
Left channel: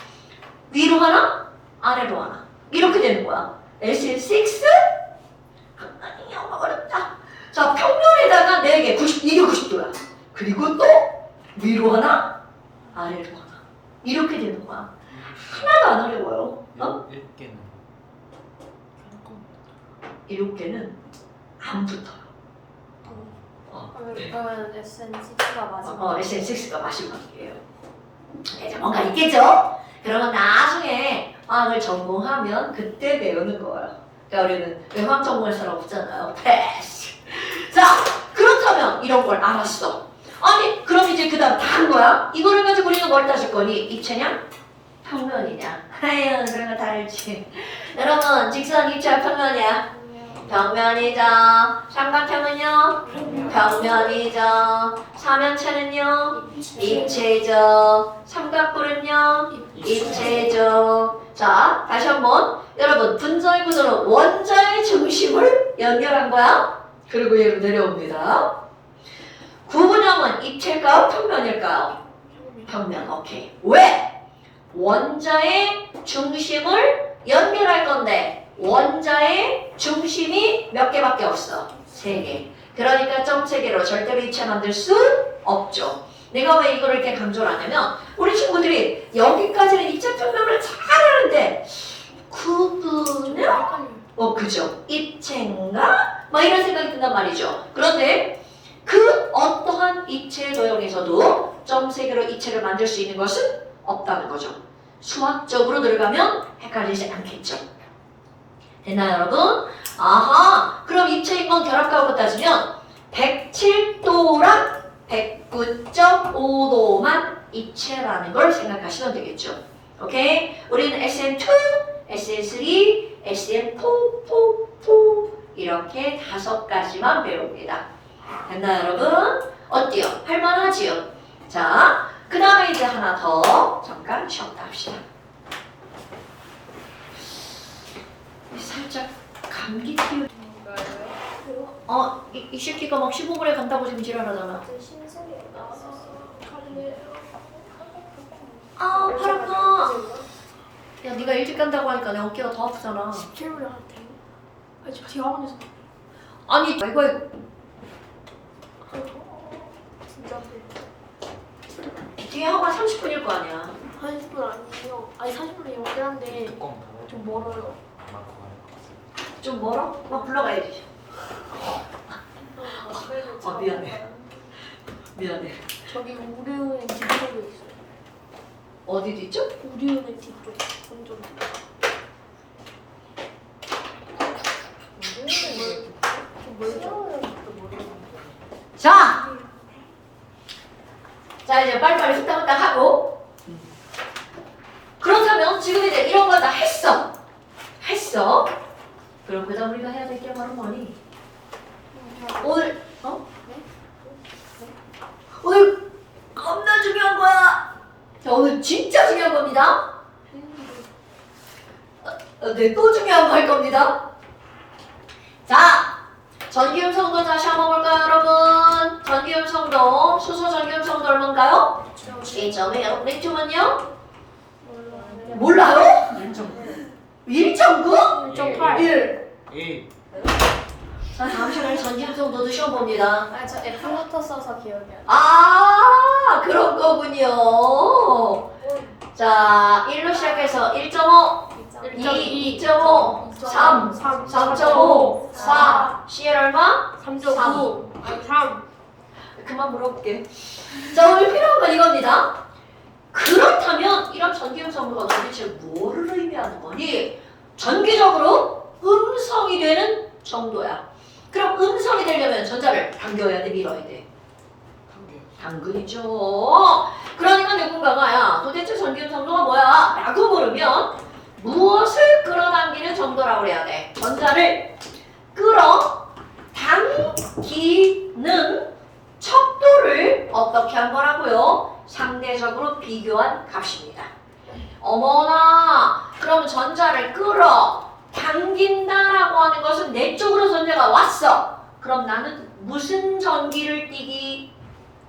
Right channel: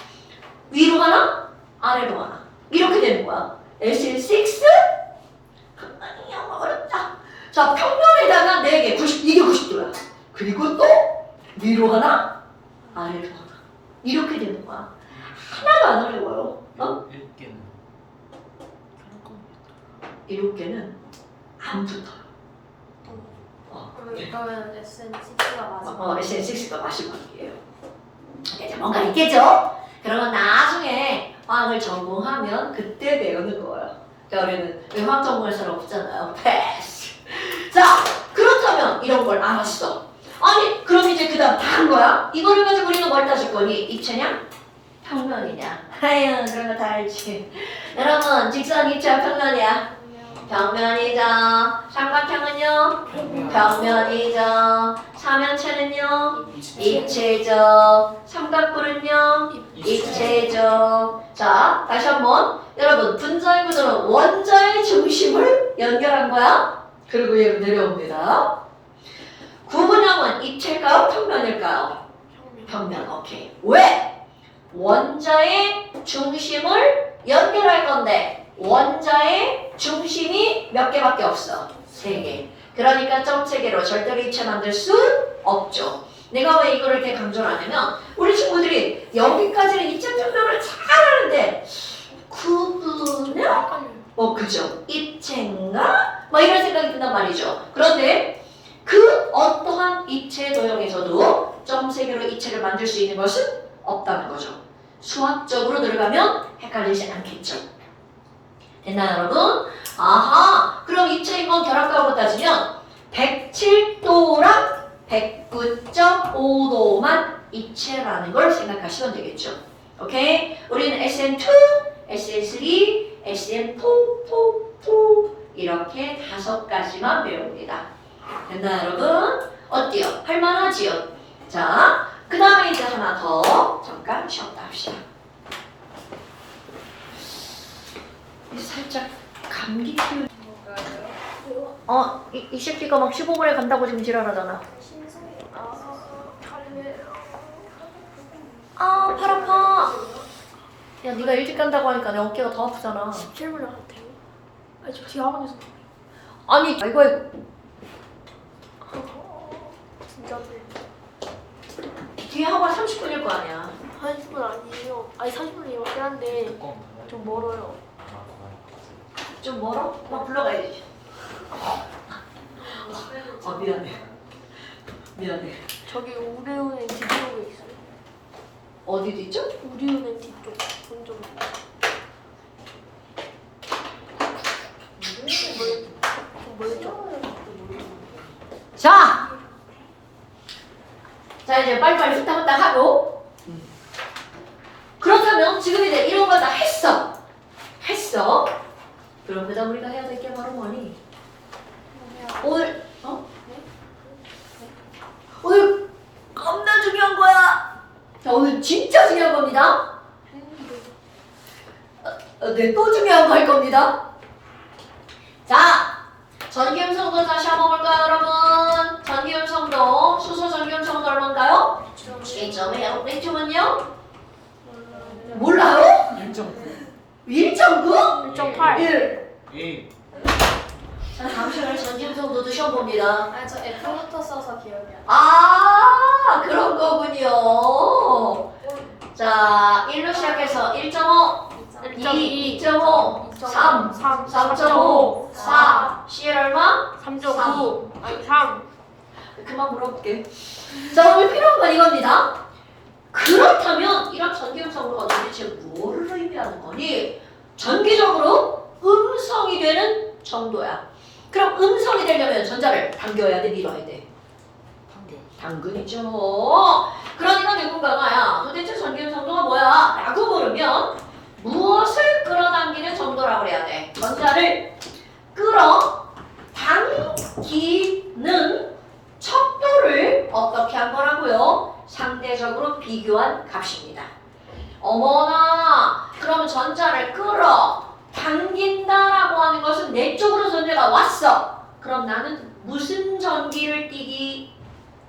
위로 하나, 아래로 하나. 이렇게 되는 거야. SM6? 아니, 어렵다. 자, 평면에다가 4개, 90, 이게 90도야. 그리고 또 위로 하나, 아래로 하나. 이렇게 되는 거야. 하나도 안 어려워요. 어? 6개는 7개는 안 붙어요. 그러면 SN6가 마지막. SN6가 마지막이에요. 이제 뭔가 있겠죠? 그러면 나중에 화학을 전공하면 그때 배우는 거예요. 그러니까 우리는 왜 화학 전공할 사람 없잖아요. 패스. 자, 그렇다면 이런 걸 알았어. 아니, 그럼 이제 그 다음 다 한 거야? 이거를 가지고 우리는 뭘 따질 거니? 입체냐? 평면이냐? 아유, 그런 거 다 알지. 여러분, 직선 입체 평면이야. 평면이죠. 삼각형은요? 평면이죠. 삼형체는요? 입체죠. 삼각뿔은요? 입체죠. 자, 다시 한번. 여러분, 분자의 구조는 원자의 중심을 연결한 거야. 그리고 여기 내려옵니다. 구분형은 입체일까요? 평면일까요? 평면. 오케이. 왜? 원자의 중심을 연결할 건데 원자의 중심이 몇 개밖에 없어? 3개. 그러니까 점체계로 절대로 입체 만들 수 없죠. 내가 왜 이거를 이렇게 강조를 하냐면 우리 친구들이 여기까지는 입체 평면을 잘 하는데 구분은 그죠? 입체인가? 막 이런 생각이 든단 말이죠. 그런데 그 어떠한 입체 도형에서도 점 3개로 입체를 만들 수 있는 것은 없다는 거죠. 수학적으로 들어가면 헷갈리지 않겠죠. 됐나요, 여러분? 아하, 그럼 입체인 건 결합가하고 따지면 107도랑 109.5도만 입체라는 걸 생각하시면 되겠죠. 오케이? 우리는 SN2, SN3, SN4 이렇게 5가지만 배웁니다. 됐나요, 여러분? 어때요? 할만하지요? 자, 그 다음에 이제 하나 더 잠깐 쉬었다 합시다. 살짝 감기 기운. 이 새끼가 막 15분에 간다고 지금 지랄하잖아. 아, 팔 아파. 야, 네가 일찍 간다고 하니까 내 어깨가 더 아프잖아. 실물을 같아요. 아니 저 뒤에 학원에서 아니, 이거 진짜인데 뒤에 학원 30분일 거 아니야. 40분 아니에요. 아니 40분이면 꽤 한데 뚜껑 좀 멀어요. 좀 멀어? 막 불러가야지. 미안해. 미안해. 저기 우리은행 뒤쪽에 있어요. 어디 있죠? 우리은행 뒤쪽 본점. 좀 멀죠? 자! 자, 이제 빨리빨리 후딱후딱 하고. 그렇다면 지금 이제 이런 거 다 했어. 했어. 그럼 그 다음 우리가 해야 될 게 바로 뭐니? 오늘, 오늘 겁나 중요한 거야. 자, 오늘 진짜 중요한 겁니다. 네, 또 중요한 거 할 겁니다. 자, 전기음성도 다시 한번 볼까요, 여러분? 전기음성도, 수소 전기음성도 얼마인가요? 1.5요. 맥주는요? 몰라요? 1.9? 1.8. 1. 1. 자, 다음 시간에 전기음성도도 시험 봅니다. 아, 저 F부터 써서 기억이 안 나. 아, 그런 거군요. 자, 1로 시작해서 1.5, 2, 2.5, 3, 3.5, 4, CL 얼마? 3.9. 아니 3. 그만 물어볼게요. 자, 오늘 필요한 건 이겁니다. 그렇다면 이런 전기음성도가 도대체 뭐를 의미하는 거니? 전기적으로 음성이 되는 정도야. 그럼 음성이 되려면 전자를 당겨야 돼, 밀어야 돼? 당근이죠. 그러니까 누군가가 야, 도대체 전기음성도가 뭐야? 라고 물으면 무엇을 끌어당기는 정도라고 그래야 돼? 전자를 끌어당기는 척도를 어떻게 한 거라고요? 상대적으로 비교한 값입니다. 어머나, 그러면 전자를 끌어당긴다라고 하는 것은 내 쪽으로 전자가 왔어. 그럼 나는 무슨 전기를 띠기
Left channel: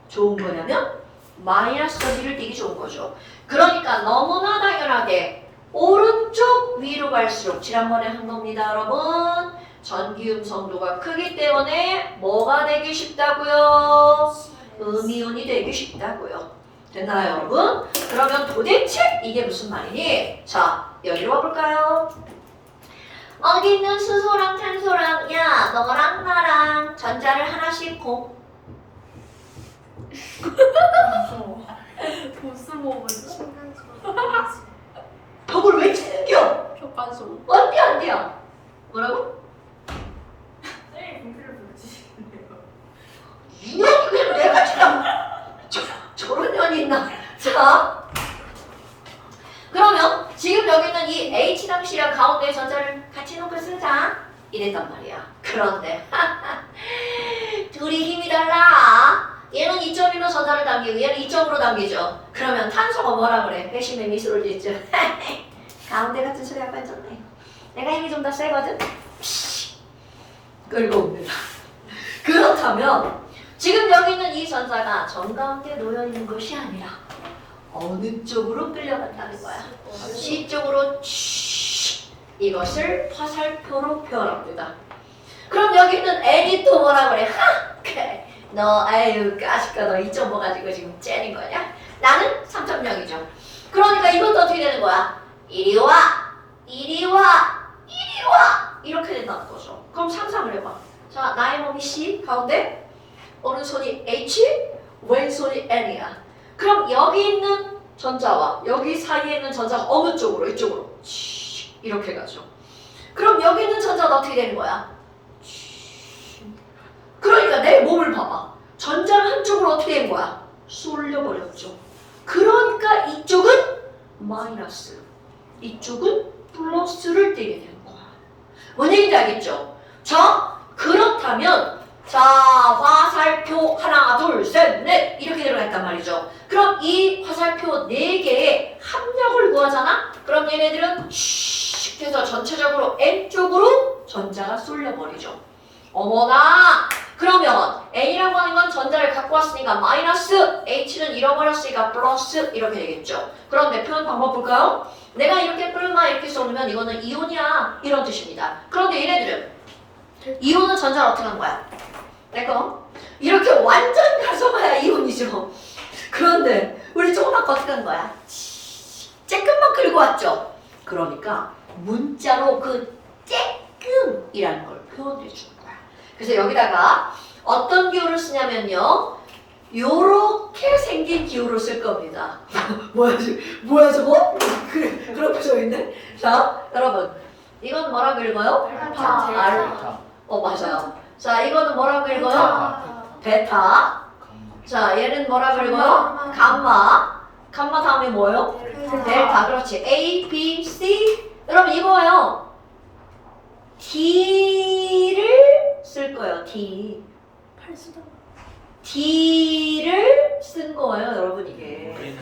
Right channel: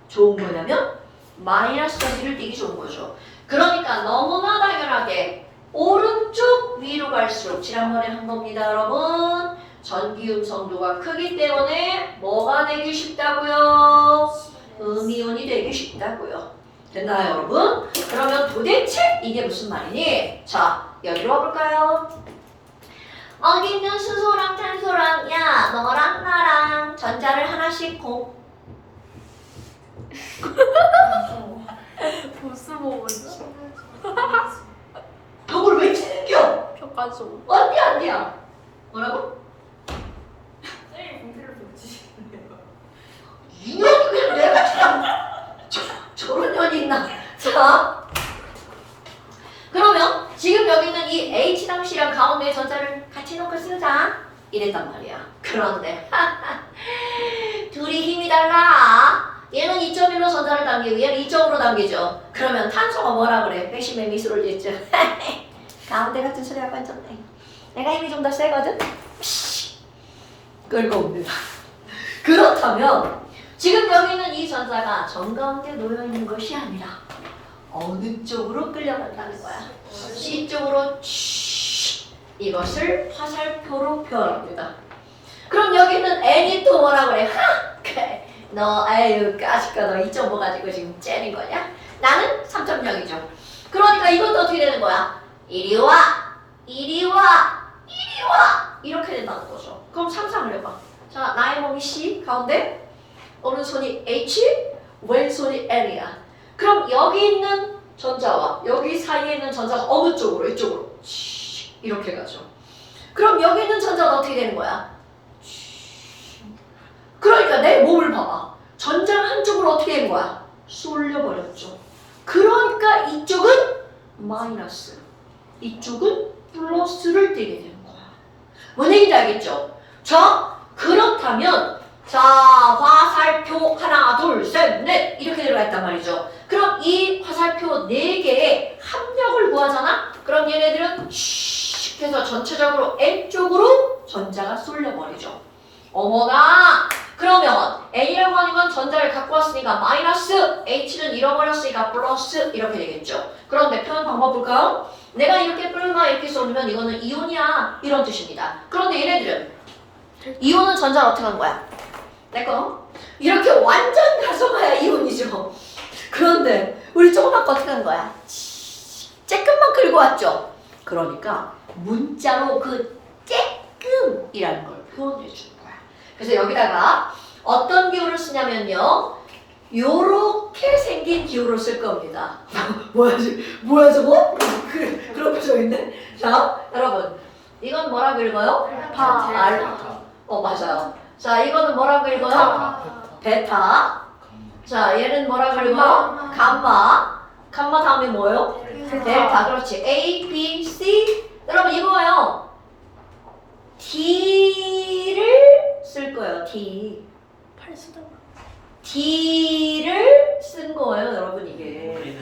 좋은 거냐면 마이너스 전기를 띠기 좋은 거죠. 그러니까 너무나 당연하게 오른쪽 위로 갈수록 지난번에 한 겁니다, 여러분. 전기음성도가 크기 때문에 뭐가 되기 쉽다고요? 음이온이 되기 쉽다고요. 됐나요, 여러분? 그러면 도대체 이게 무슨 말이니? 자, 여기로 와볼까요? 어디 있는 수소랑 탄소랑 야, 너랑 나랑 전자를 하나씩 보스 먹었지. 벽을 왜 챙겨? 벽까지. 안돼 안돼야. 뭐라고? 이 년이 그냥 내가 참 저런 년이 있나? 자, 그러면 지금 여기는 이 H랑 C랑 가운데 전자를 같이 놓고 쓰자 이랬단 말이야. 그런데 둘이 힘이 달라. 얘는 2.1로 전자를 당기고 얘는 2.5로 당기죠. 그러면 탄소가 뭐라 그래? 회심의 미소를 짓죠. 가운데 같은 소리 하고 앉았네. 내가 힘이 좀 더 세거든? 끌고 옵니다. 그렇다면 지금 여기는 이 전자가 정가운데 놓여있는 것이 아니라 어느 쪽으로 끌려간다는 거야. C 쪽으로 이것을 화살표로 표현합니다. 그럼 여기는 N이 또 뭐라 그래? 그래. 너 아유 까짓거 너 2.5 가지고 지금 째는 거냐? 나는 3.0이죠. 그러니까 이것도 어떻게 되는 거야? 이리 와, 이리 와, 이리 와. 이렇게 된다는 거죠. 그럼 상상을 해봐. 자, 나의 몸이 C 가운데 오른손이 H, 왼손이 N이야. 그럼 여기 있는 전자와 여기 사이에 있는 전자가 어느 쪽으로? 이쪽으로 이렇게 가죠. 그럼 여기 있는 전자가 어떻게 되는 거야? 그러니까 내 몸을 봐봐. 전자가 한쪽으로 어떻게 된 거야? 쏠려버렸죠. 그러니까 이쪽은 마이너스, 이쪽은 플러스를 띄게 되는 거야. 뭔 얘기인지 알겠죠? 자, 그렇다면 자, 화살표 하나, 둘, 셋, 넷 이렇게 들어가 있단 말이죠. 그럼 이 화살표 4개의 합력을 구하잖아? 그럼 얘네들은 슉 해서 전체적으로 N쪽으로 전자가 쏠려버리죠. 어머나! 그러면 N이라고 하는 건 전자를 갖고 왔으니까 마이너스, H는 잃어버렸으니까 플러스 이렇게 되겠죠. 그런데 표현 방법 볼까요? 내가 이렇게 플마 이렇게 쏘면 이거는 이온이야 이런 뜻입니다. 그런데 얘네들은 이온은 전자를 어떻게 하는 거야? 내거 이렇게 완전 가져가야 이온이죠. 그런데 우리 조금 아까 어떻게 하는 거야? 쬐끔만 긁고 왔죠. 그러니까 문자로 그 쬐끔이라는 걸 표현해 주는 거야. 그래서 여기다가 어떤 기호를 쓰냐면요. 요렇게 생긴 기호를 쓸 겁니다. 뭐야 저거? 그런 표정인데? 자, 여러분 이건 뭐라 읽어요? 델타. 맞아요. 자, 이거는 뭐라 읽어요? 베타. 자, 얘는 뭐라 읽어요? 감마. 감마 다음에 뭐예요? 델타. 그렇지. A, B, C. 여러분 이거요. D를 쓸 거예요. D. D를 쓴 거예요, 여러분 이게. 우리는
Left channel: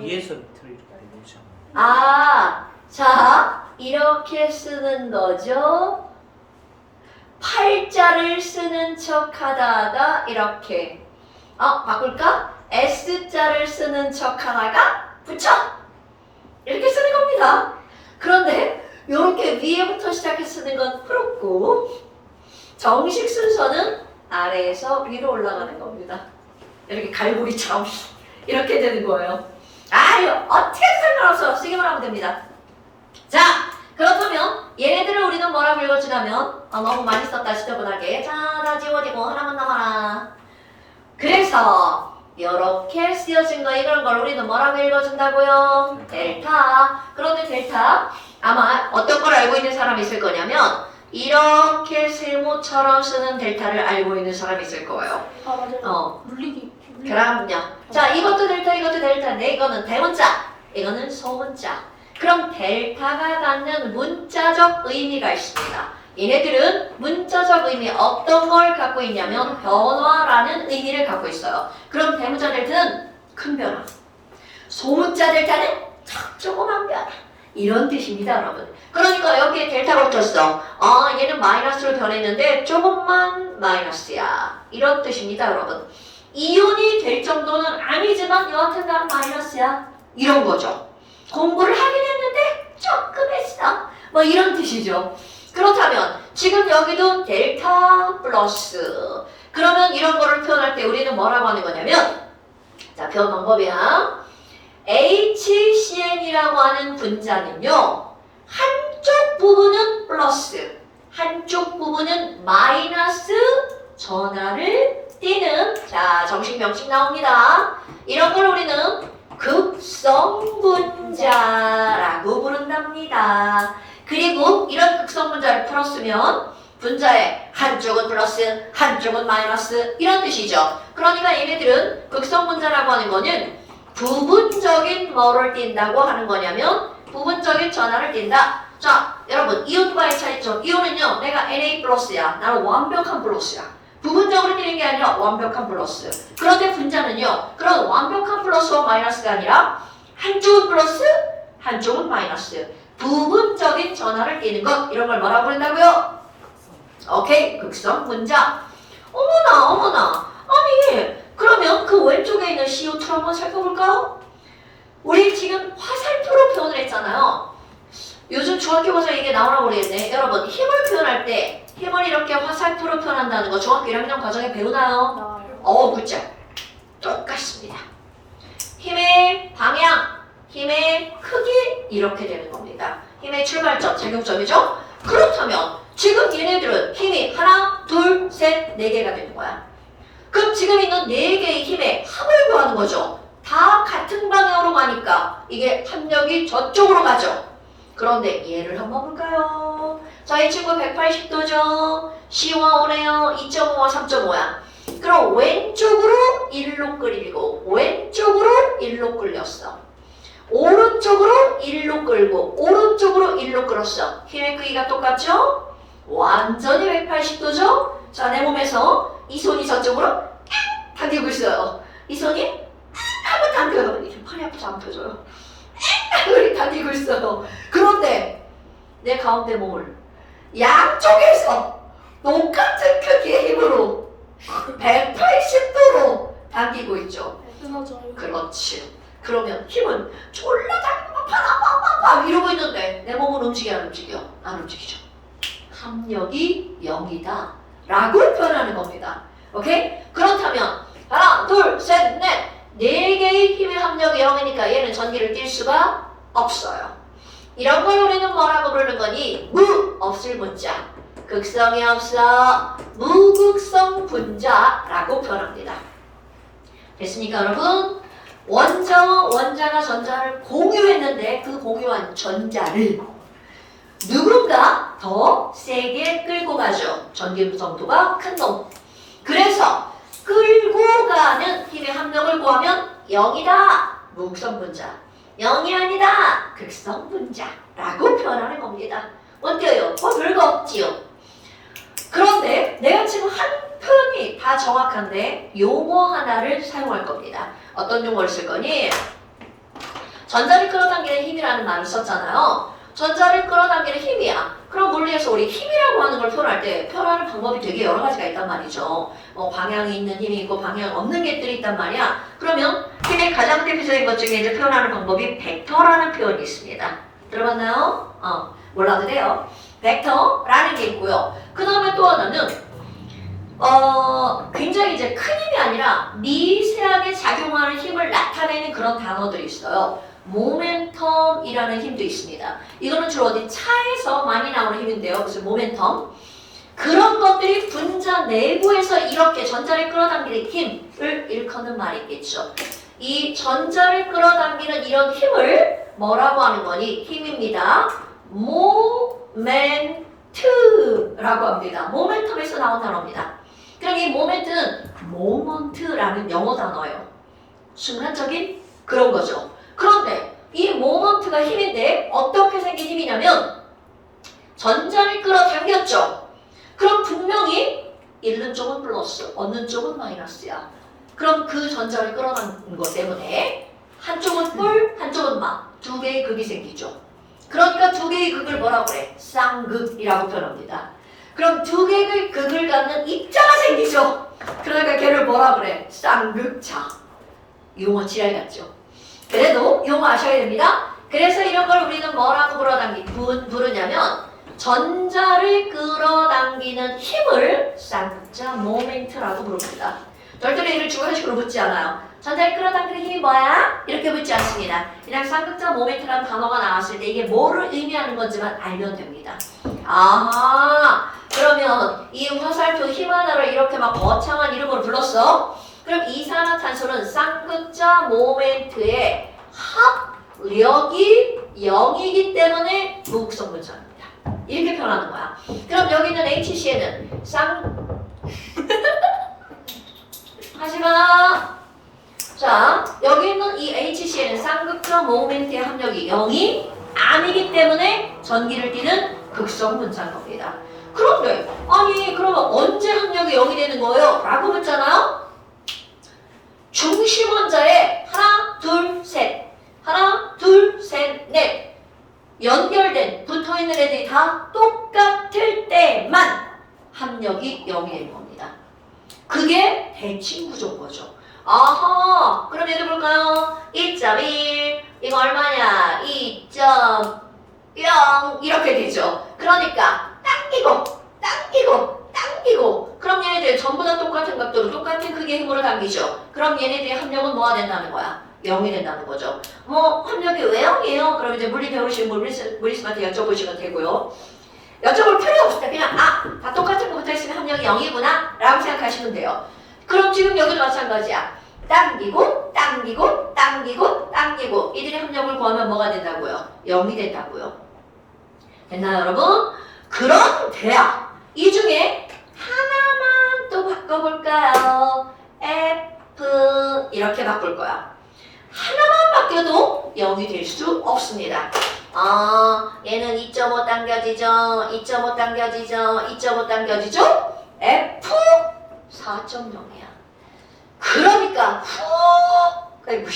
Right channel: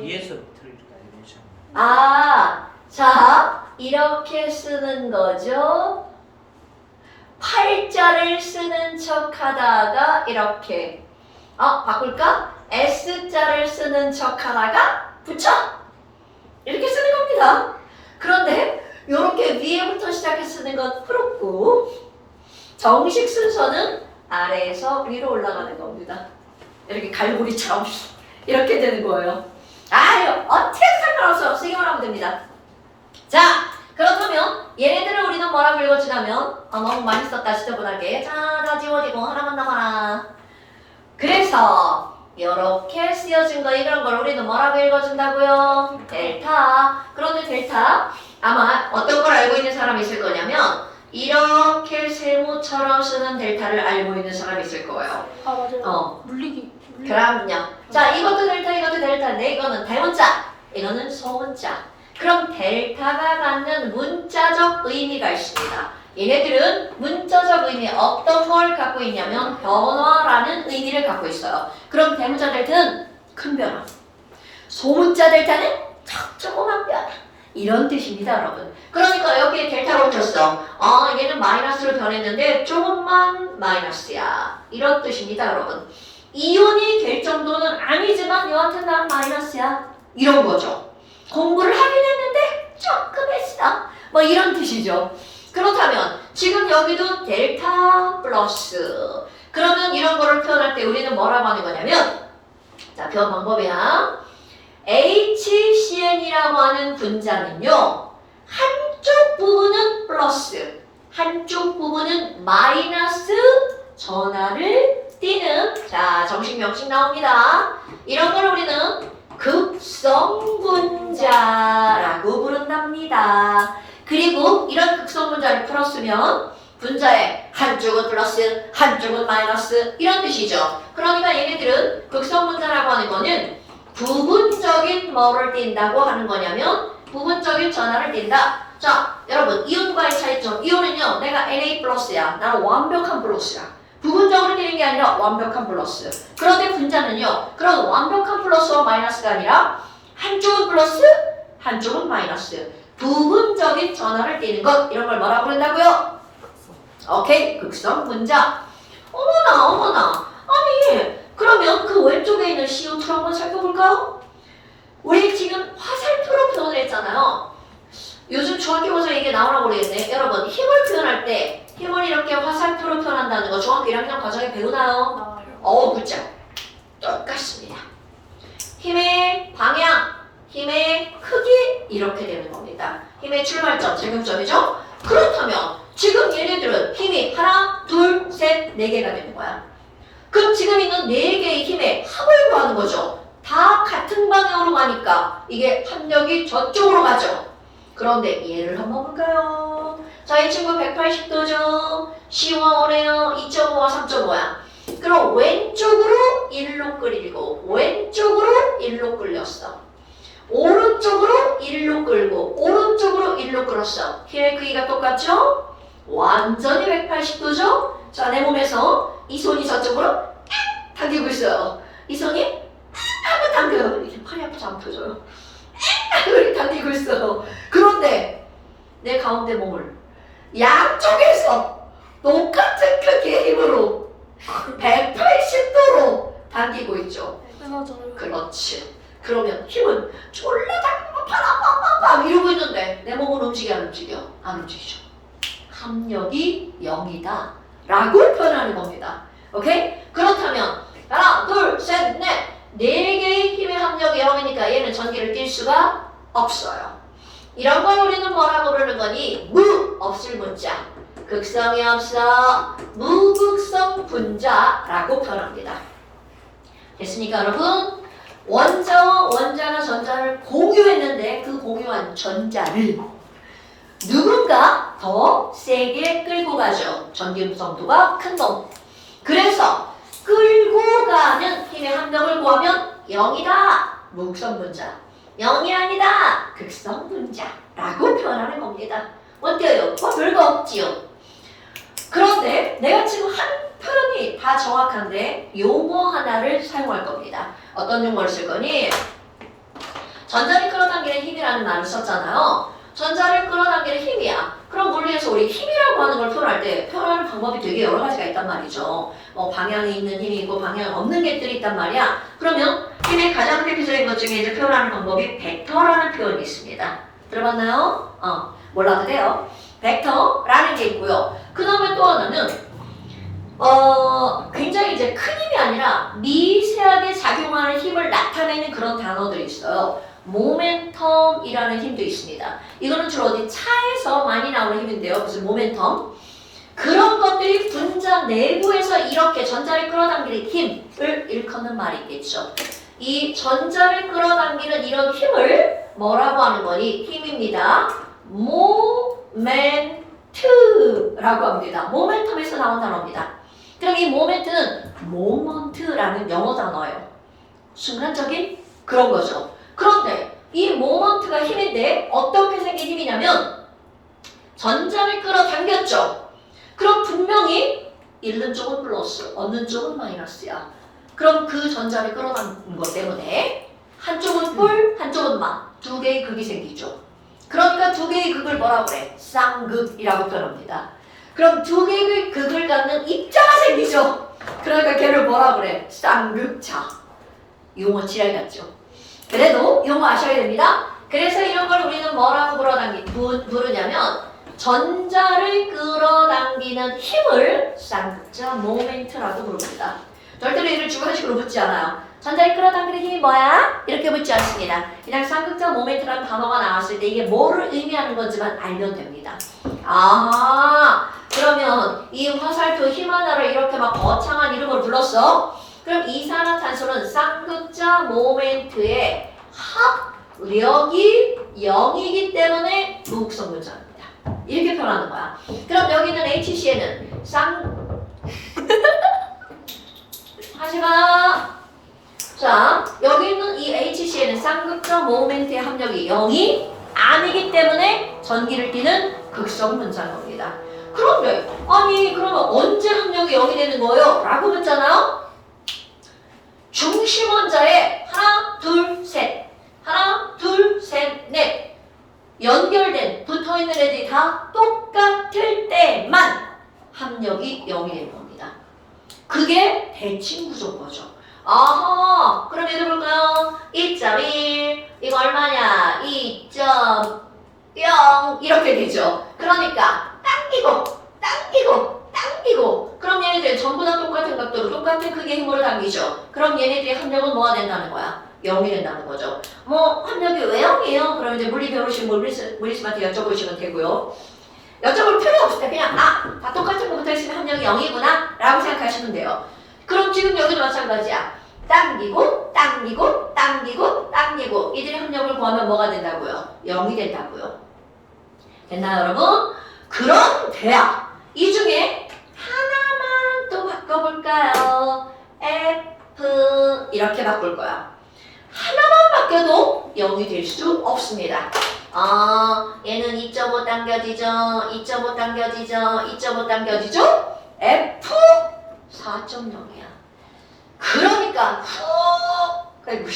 위에서 밑을 알려주지 않나? 아, 자, 이렇게 쓰는 거죠. 팔자를 쓰는 척 하다가 이렇게 바꿀까? S자를 쓰는 척 하다가 붙여! 이렇게 쓰는 겁니다. 그런데 이렇게 위에부터 시작해 쓰는 건 풀었고 정식 순서는 아래에서 위로 올라가는 겁니다. 이렇게 갈고리처럼 이렇게 되는 거예요. 아유, 어떻게 상관없어요. 쓰기만 하면 됩니다. 자, 그렇다면 얘네들을 우리는 뭐라고 읽어주냐면 너무 많이 썼다 지저분하게 자, 다 지워지고 하나만 남아라. 그래서 이렇게 쓰여진 거 이런 걸 우리는 뭐라고 읽어준다고요? 델타. 그런데 델타 아마 어떤 걸 알고 있는 사람이 있을 거냐면 이렇게 세모처럼 쓰는 델타를 알고 있는 사람이 있을 거예요. 아 맞아요. 물리기. 그럼요. 자, 이것도 델타, 이것도 델타인데 이거는 대문자, 이거는 소문자. 그럼 델타가 갖는 문자적 의미가 있습니다. 얘네들은 문자적 의미 어떤 걸 갖고 있냐면 변화라는 의미를 갖고 있어요. 그럼 대문자 델타는 큰 변화, 소문자 델타는 조그만 변화 이런 뜻입니다, 여러분. 그러니까 여기에 델타가 붙었어. 얘는 마이너스로 변했는데 조금만 마이너스야 이런 뜻입니다, 여러분. 이온이 될 정도는 아니지만 여하튼 난 마이너스야 이런 거죠. 공부를 하긴 했는데 조금 했어 뭐 이런 뜻이죠. 그렇다면 지금 여기도 델타 플러스 그러면 이런 거를 표현할 때 우리는 뭐라고 하는 거냐면 자, 표현 방법이야. HCn이라고 하는 분자는요 한쪽 부분은 플러스 한쪽 부분은 마이너스 전하를 띄는 자, 정식 명칭 나옵니다. 이런 걸 우리는 극성분자라고 부른답니다. 그리고 이런 극성분자를 풀었으면 분자의 한쪽은 플러스, 한쪽은 마이너스 이런 뜻이죠. 그러니까 얘네들은 극성분자라고 하는 거는 부분적인 뭐를 띈다고 하는 거냐면 부분적인 전하를 띈다. 자, 여러분 이온과의 차이점. 이온은요 내가 Na 플러스야. 나는 완벽한 플러스야. 부분적으로 띄는 게 아니라 완벽한 플러스. 그런데 분자는요 그런 완벽한 플러스와 마이너스가 아니라 한쪽은 플러스, 한쪽은 마이너스. 부분적인 전하를 띄는 것 이런 걸 뭐라고 부른다고요? 오케이, 극성 분자. 어머나 아니 그러면 그 왼쪽에 있는 CO2를 한번 살펴볼까요? 우리 지금 화살표로 표현을 했잖아요. 요즘 중학교 가서 이게 나오나 모르겠네. 여러분 힘을 표현할 때 힘을 이렇게 화살표로 표현한다는 거 중학교 1학년 과정에 배우나요? 그렇죠. 똑같습니다. 힘의 방향, 힘의 크기 이렇게 되는 겁니다. 힘의 출발점, 작용점이죠? 그렇다면 지금 얘네들은 힘이 하나, 둘, 셋, 네 개가 되는 거야. 그럼 지금 있는 네 개의 힘의 합을 구하는 거죠. 다 같은 방향으로 가니까 이게 합력이 저쪽으로 가죠. 그런데 얘를 한번 볼까요? 자, 이 친구 180도죠. 시원해요. 2.5와 3.5야. 그럼 왼쪽으로 1로 끌리고 왼쪽으로 1로 끌렸어. 오른쪽으로 1로 끌고 오른쪽으로 1로 끌었어. 힘의 크기가 똑같죠? 완전히 180도죠? 자, 내 몸에서 이 손이 저쪽으로 당기고 있어요. 이 손이 한번 당겨요. 이게 팔이 아파서 안 펴져요. 이렇게 당기고 있어요. 그런데 내 가운데 몸을 양쪽에서 똑같은 크기의 힘으로 180도로 당기고 있죠. 맞아요. 그렇지. 그러면 힘은 졸라 당기고 팍팍팍팍 이러고 있는데 내 몸은 움직여 안 움직여? 안 움직이죠. 합력이 0이다 라고 표현하는 겁니다. 오케이? 그렇다면 하나, 둘, 셋, 넷 네 개의 힘의 합력이 0이니까 얘는 전기를 띌 수가 없어요. 이런 걸 우리는 뭐라고 부르는 거니? 무 없을 문자. 극성이 없어. 무극성 분자라고 표현합니다. 됐습니까, 여러분? 원자와 원자가 전자를 공유했는데 그 공유한 전자를 누군가 더 세게 끌고 가죠. 전기 무성도가 큰 놈. 그래서 끌고 가는 힘의 합력을 구하면 0이다. 무극성 분자. 0이 아니다. 극성 분자라고 표현하는 겁니다. 어때요? 별거 없지요? 그런데 내가 지금 한 표현이 다 정확한데 용어 하나를 사용할 겁니다. 어떤 용어를 쓸 거니? 전자를 끌어당기는 힘이라는 말을 썼잖아요. 전자를 끌어당기는 힘이야. 그럼 물리에서 우리 힘이라고 하는 걸 표현할 때 표현하는 방법이 되게 여러 가지가 있단 말이죠. 방향이 있는 힘이 있고 방향 없는 것들이 있단 말이야. 그러면 힘의 가장 대표적인 것 중에 이제 표현하는 방법이 벡터라는 표현이 있습니다. 들어봤나요? 몰라도 돼요. 벡터라는 게 있고요. 그 다음에 또 하나는 굉장히 이제 큰 힘이 아니라 미세하게 작용하는 힘을 나타내는 그런 단어들이 있어요. 모멘텀이라는 힘도 있습니다. 이거는 주로 어디 차에서 많이 나오는 힘인데요. 무슨 모멘텀? 그런 것들이 분자 내부에서 이렇게 전자를 끌어당기는 힘을 일컫는 말이 있겠죠. 이 전자를 끌어당기는 이런 힘을 뭐라고 하는 거니? 힘입니다. 모멘트라고 합니다. 모멘텀에서 나온 단어입니다. 그럼 이 모멘트는 모먼트라는 영어 단어예요. 순간적인 그런 거죠. 그런데 이 모먼트가 힘인데 어떻게 생긴 힘이냐면 전자를 끌어당겼죠. 그럼 분명히 잃는 쪽은 플러스, 얻는 쪽은 마이너스야. 그럼 그 전자를 끌어당긴 것 때문에 한쪽은 뿔, 한쪽은 마. 두 개의 극이 생기죠. 그러니까 두 개의 극을 뭐라고 그래? 쌍극이라고 표현합니다. 그럼 두 개의 극을 갖는 입자가 생기죠. 그러니까 걔를 뭐라 그래? 쌍극자. 용어 지랄 같죠. 그래도 용어 아셔야 됩니다. 그래서 이런 걸 우리는 뭐라고 부르냐면 전자를 끌어당기는 힘을 쌍극자 모멘트라고 부릅니다. 절대로 얘를 주관식으로 묻지 않아요. 전자를 끌어당기는 힘이 뭐야? 이렇게 묻지 않습니다. 그냥 쌍극자 모멘트라는 단어가 나왔을 때 이게 뭐를 의미하는 건지만 알면 됩니다. 아하, 그러면 이 화살표 힘 하나를 이렇게 막 거창한 이름으로 불렀어? 그럼 이산화탄소는 쌍극자 모멘트의 합력이 0이기 때문에 무극성 분자입니다. 이렇게 표현하는 거야. 그럼 여기 있는 HCl은 하지마. 자, 여기 있는 이 HCl은 쌍극자 모멘트의 합력이 0이 아니기 때문에 전기를 띠는 극성 분자인 겁니다. 그런데 아니 그러면 언제 합력이 0이 되는 거예요? 라고 묻잖아요. 중심 원자에 하나, 둘, 셋, 하나, 둘, 셋, 넷 연결된 붙어있는 애들이 다 똑같을 때만 합력이 0이 되는 겁니다. 그게 대칭 구조인 거죠. 아하, 그럼 얘들 볼까요? 2.1 이거 얼마냐? 2.0 이렇게 되죠. 그러니까 당기고 그럼 얘네들 전부 다 똑같은 각도로 똑같은 크기의 힘으로 당기죠. 그럼 얘네들의 합력은 뭐가 된다는 거야? 0이 된다는 거죠. 뭐 합력이 왜 0이에요? 그럼 이제 물리 배우시면 물리스한테 여쭤보시면 되고요. 여쭤볼 필요 없을 때 그냥 다 똑같은 거 붙어있으면 합력이 0이구나 라고 생각하시면 돼요. 그럼 지금 여기도 마찬가지야. 당기고 당기고 당기고 당기고 이들의 합력을 구하면 뭐가 된다고요? 0이 된다고요. 됐나요 여러분? 그런데요. 이 중에 하나만 또 바꿔볼까요? F 이렇게 바꿀 거야. 하나만 바뀌어도 0이 될 수 없습니다. 얘는 2.5 당겨지죠. 2.5 당겨지죠. 2.5 당겨지죠. F 4.0이야. 그러니까 아이고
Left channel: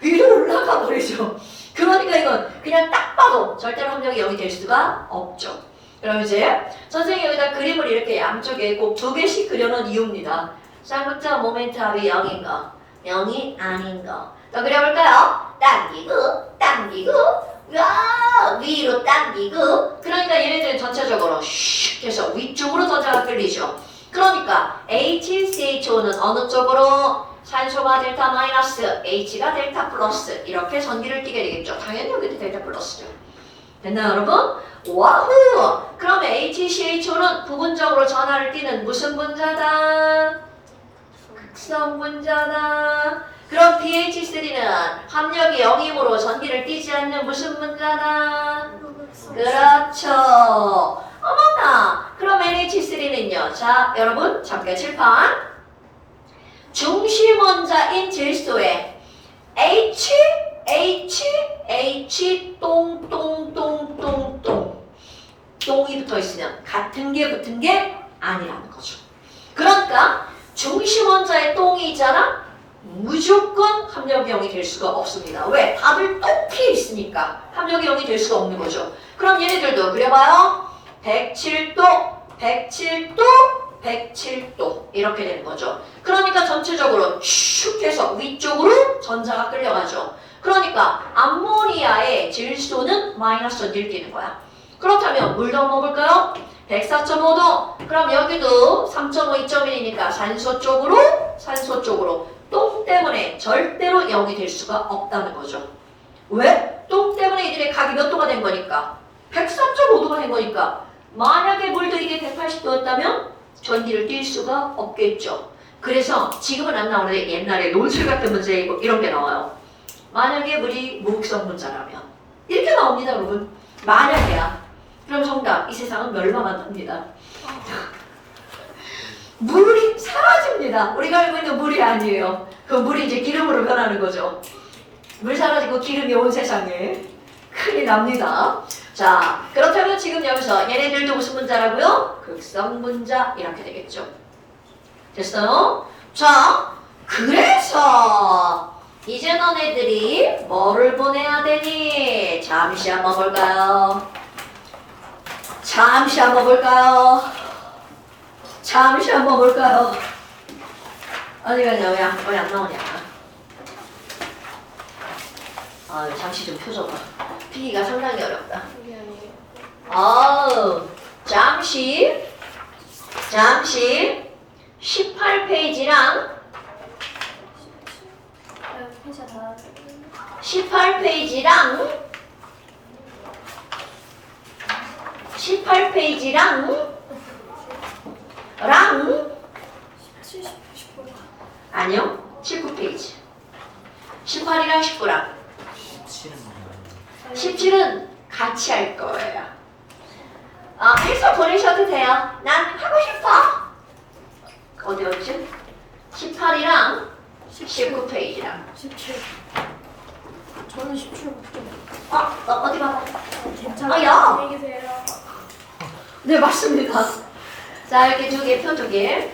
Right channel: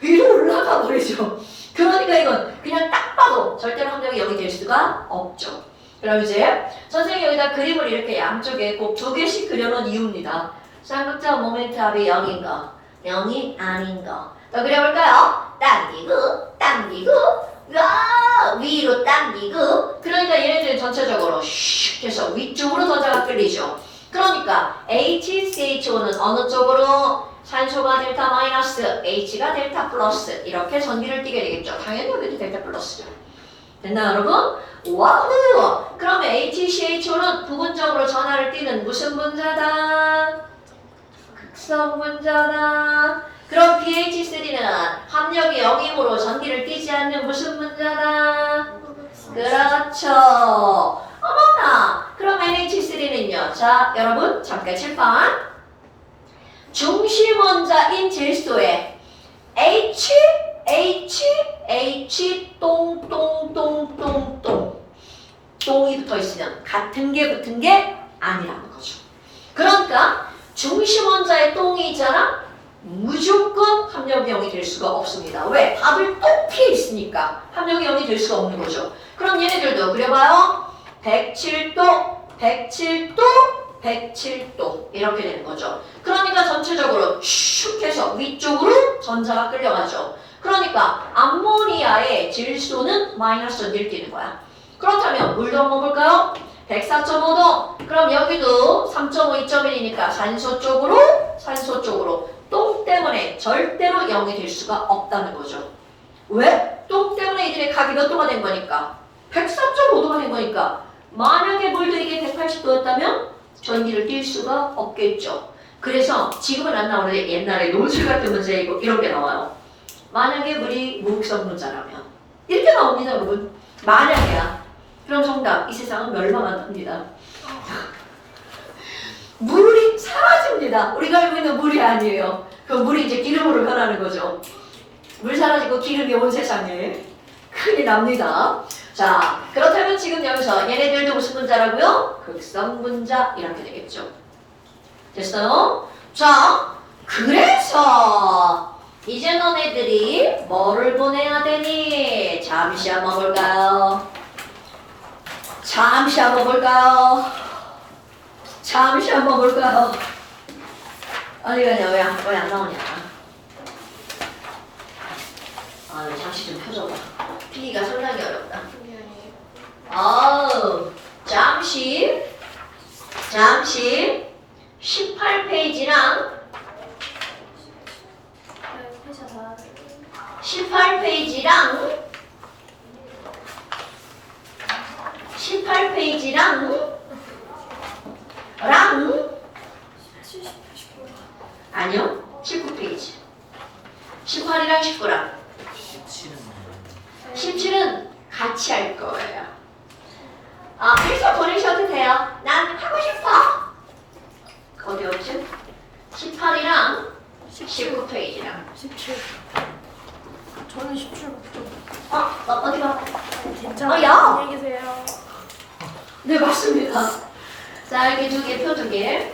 위로 올라가 버리죠. 그러니까 이건 그냥 딱 봐도 절대로 합력이 0이 될 수가 없죠. 그럼 이제 선생님이 여기다 그림을 이렇게 양쪽에 꼭 2개씩 그려놓은 이유입니다. 쌍극자 모멘트 합이 0인가 0이 아닌가 더 그려볼까요? 당기고 당기고 위로 당기고 그러니까 얘네들은 전체적으로 슉 해서 위쪽으로 전자가 끌리죠. 그러니까 HCHO는 어느 쪽으로? 산소가 델타 마이너스, H가 델타 플러스 이렇게 전기를 띠게 되겠죠. 당연히 여기도 델타 플러스죠. 됐나요 여러분? 와우! 그럼 HCHO는 부분적으로 전하를 띠는 무슨 분자다? 극성 분자다. 그럼 BH3는 합력이 0이므로 전기를 띠지 않는 무슨 분자다? 그렇죠. 어머나! 그럼 NH3는요. 자, 여러분 잠깐 칠판. 중심원자인 질소에 H, 똥이 붙어 있으면 같은 게 붙은 게 아니라는 거죠. 그러니까 중심원자에 똥이 있잖아? 무조건 합력이 0이 될 수가 없습니다. 왜? 답을 또 피해 있으니까 합력이 0이 될 수가 없는 거죠. 그럼 얘네들도 그려봐요. 107도, 107도, 107도 이렇게 되는 거죠. 그러니까 전체적으로 슉 해서 위쪽으로 전자가 끌려가죠. 그러니까 암모니아의 질소는 마이너스 전기를 띠는 거야. 그렇다면 물도 한번 볼까요? 104.5도. 그럼 여기도 3.5, 2.1이니까 산소 쪽으로 똥 때문에 절대로 0이 될 수가 없다는 거죠. 왜? 똥 때문에 이들의 각이 몇 도가 된 거니까? 104.5도가 된 거니까 만약에 물도 이게 180도였다면 전기를 띌 수가 없겠죠. 그래서 지금은 안 나오는데 옛날에 논술 같은 문제 이런 게 나와요. 만약에 물이 무극성 분자라면 이렇게 나옵니다 여러분. 만약이야. 그럼 정답. 이 세상은 멸망한답니다. 물이 사라집니다. 우리가 알고 있는 물이 아니에요. 그 물이 이제 기름으로 변하는 거죠. 물 사라지고 기름이 온 세상에 큰일 납니다. 자, 그렇다면 지금 여기서 얘네들도 무슨 분자라고요? 극성 분자 이렇게 되겠죠. 됐어요? 자, 그래서 이제 너네들이 뭐를 보내야 되니? 잠시 한번 볼까요? 잠시 한번 볼까요? 어디가냐? 왜 안 나오냐? 잠시 좀 펴줘봐. 피기가 상당히 어렵다. 잠시 18페이지랑 18페이지랑 아니요 19페이지 18이랑 19랑 17은 같이 할 거예요. 해서 보내셔도 돼요. 난 하고 싶어. 어디였지? 18이랑 19페이지랑 17. 저는 17부터. 어디가? 괜찮아요. 야! 안녕히 계세요. 네 맞습니다. 자 이렇게 두 개, 표 2개.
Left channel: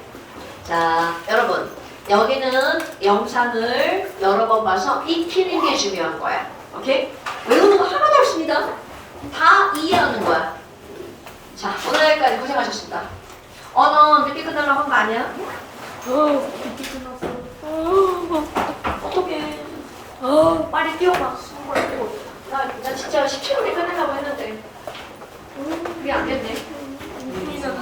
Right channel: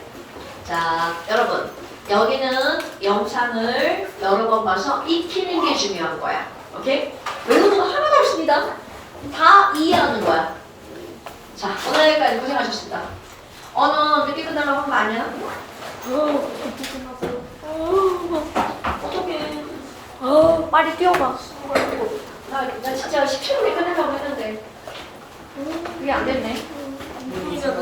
자 여러분 여기는 영상을 여러 번 봐서 익히는 게 중요한 거야. 오케이? 외우는 거 하나도 없습니다. 다 이해하는 거야. 자 오늘 여기까지 고생하셨습니다. 너 늦게 끝나려고 한 거 아니야? 늦게 끝났어요. 어떡해. 빨리 뛰어봐. 나 진짜 17분에 끝내려고 했는데 그게 안 됐네.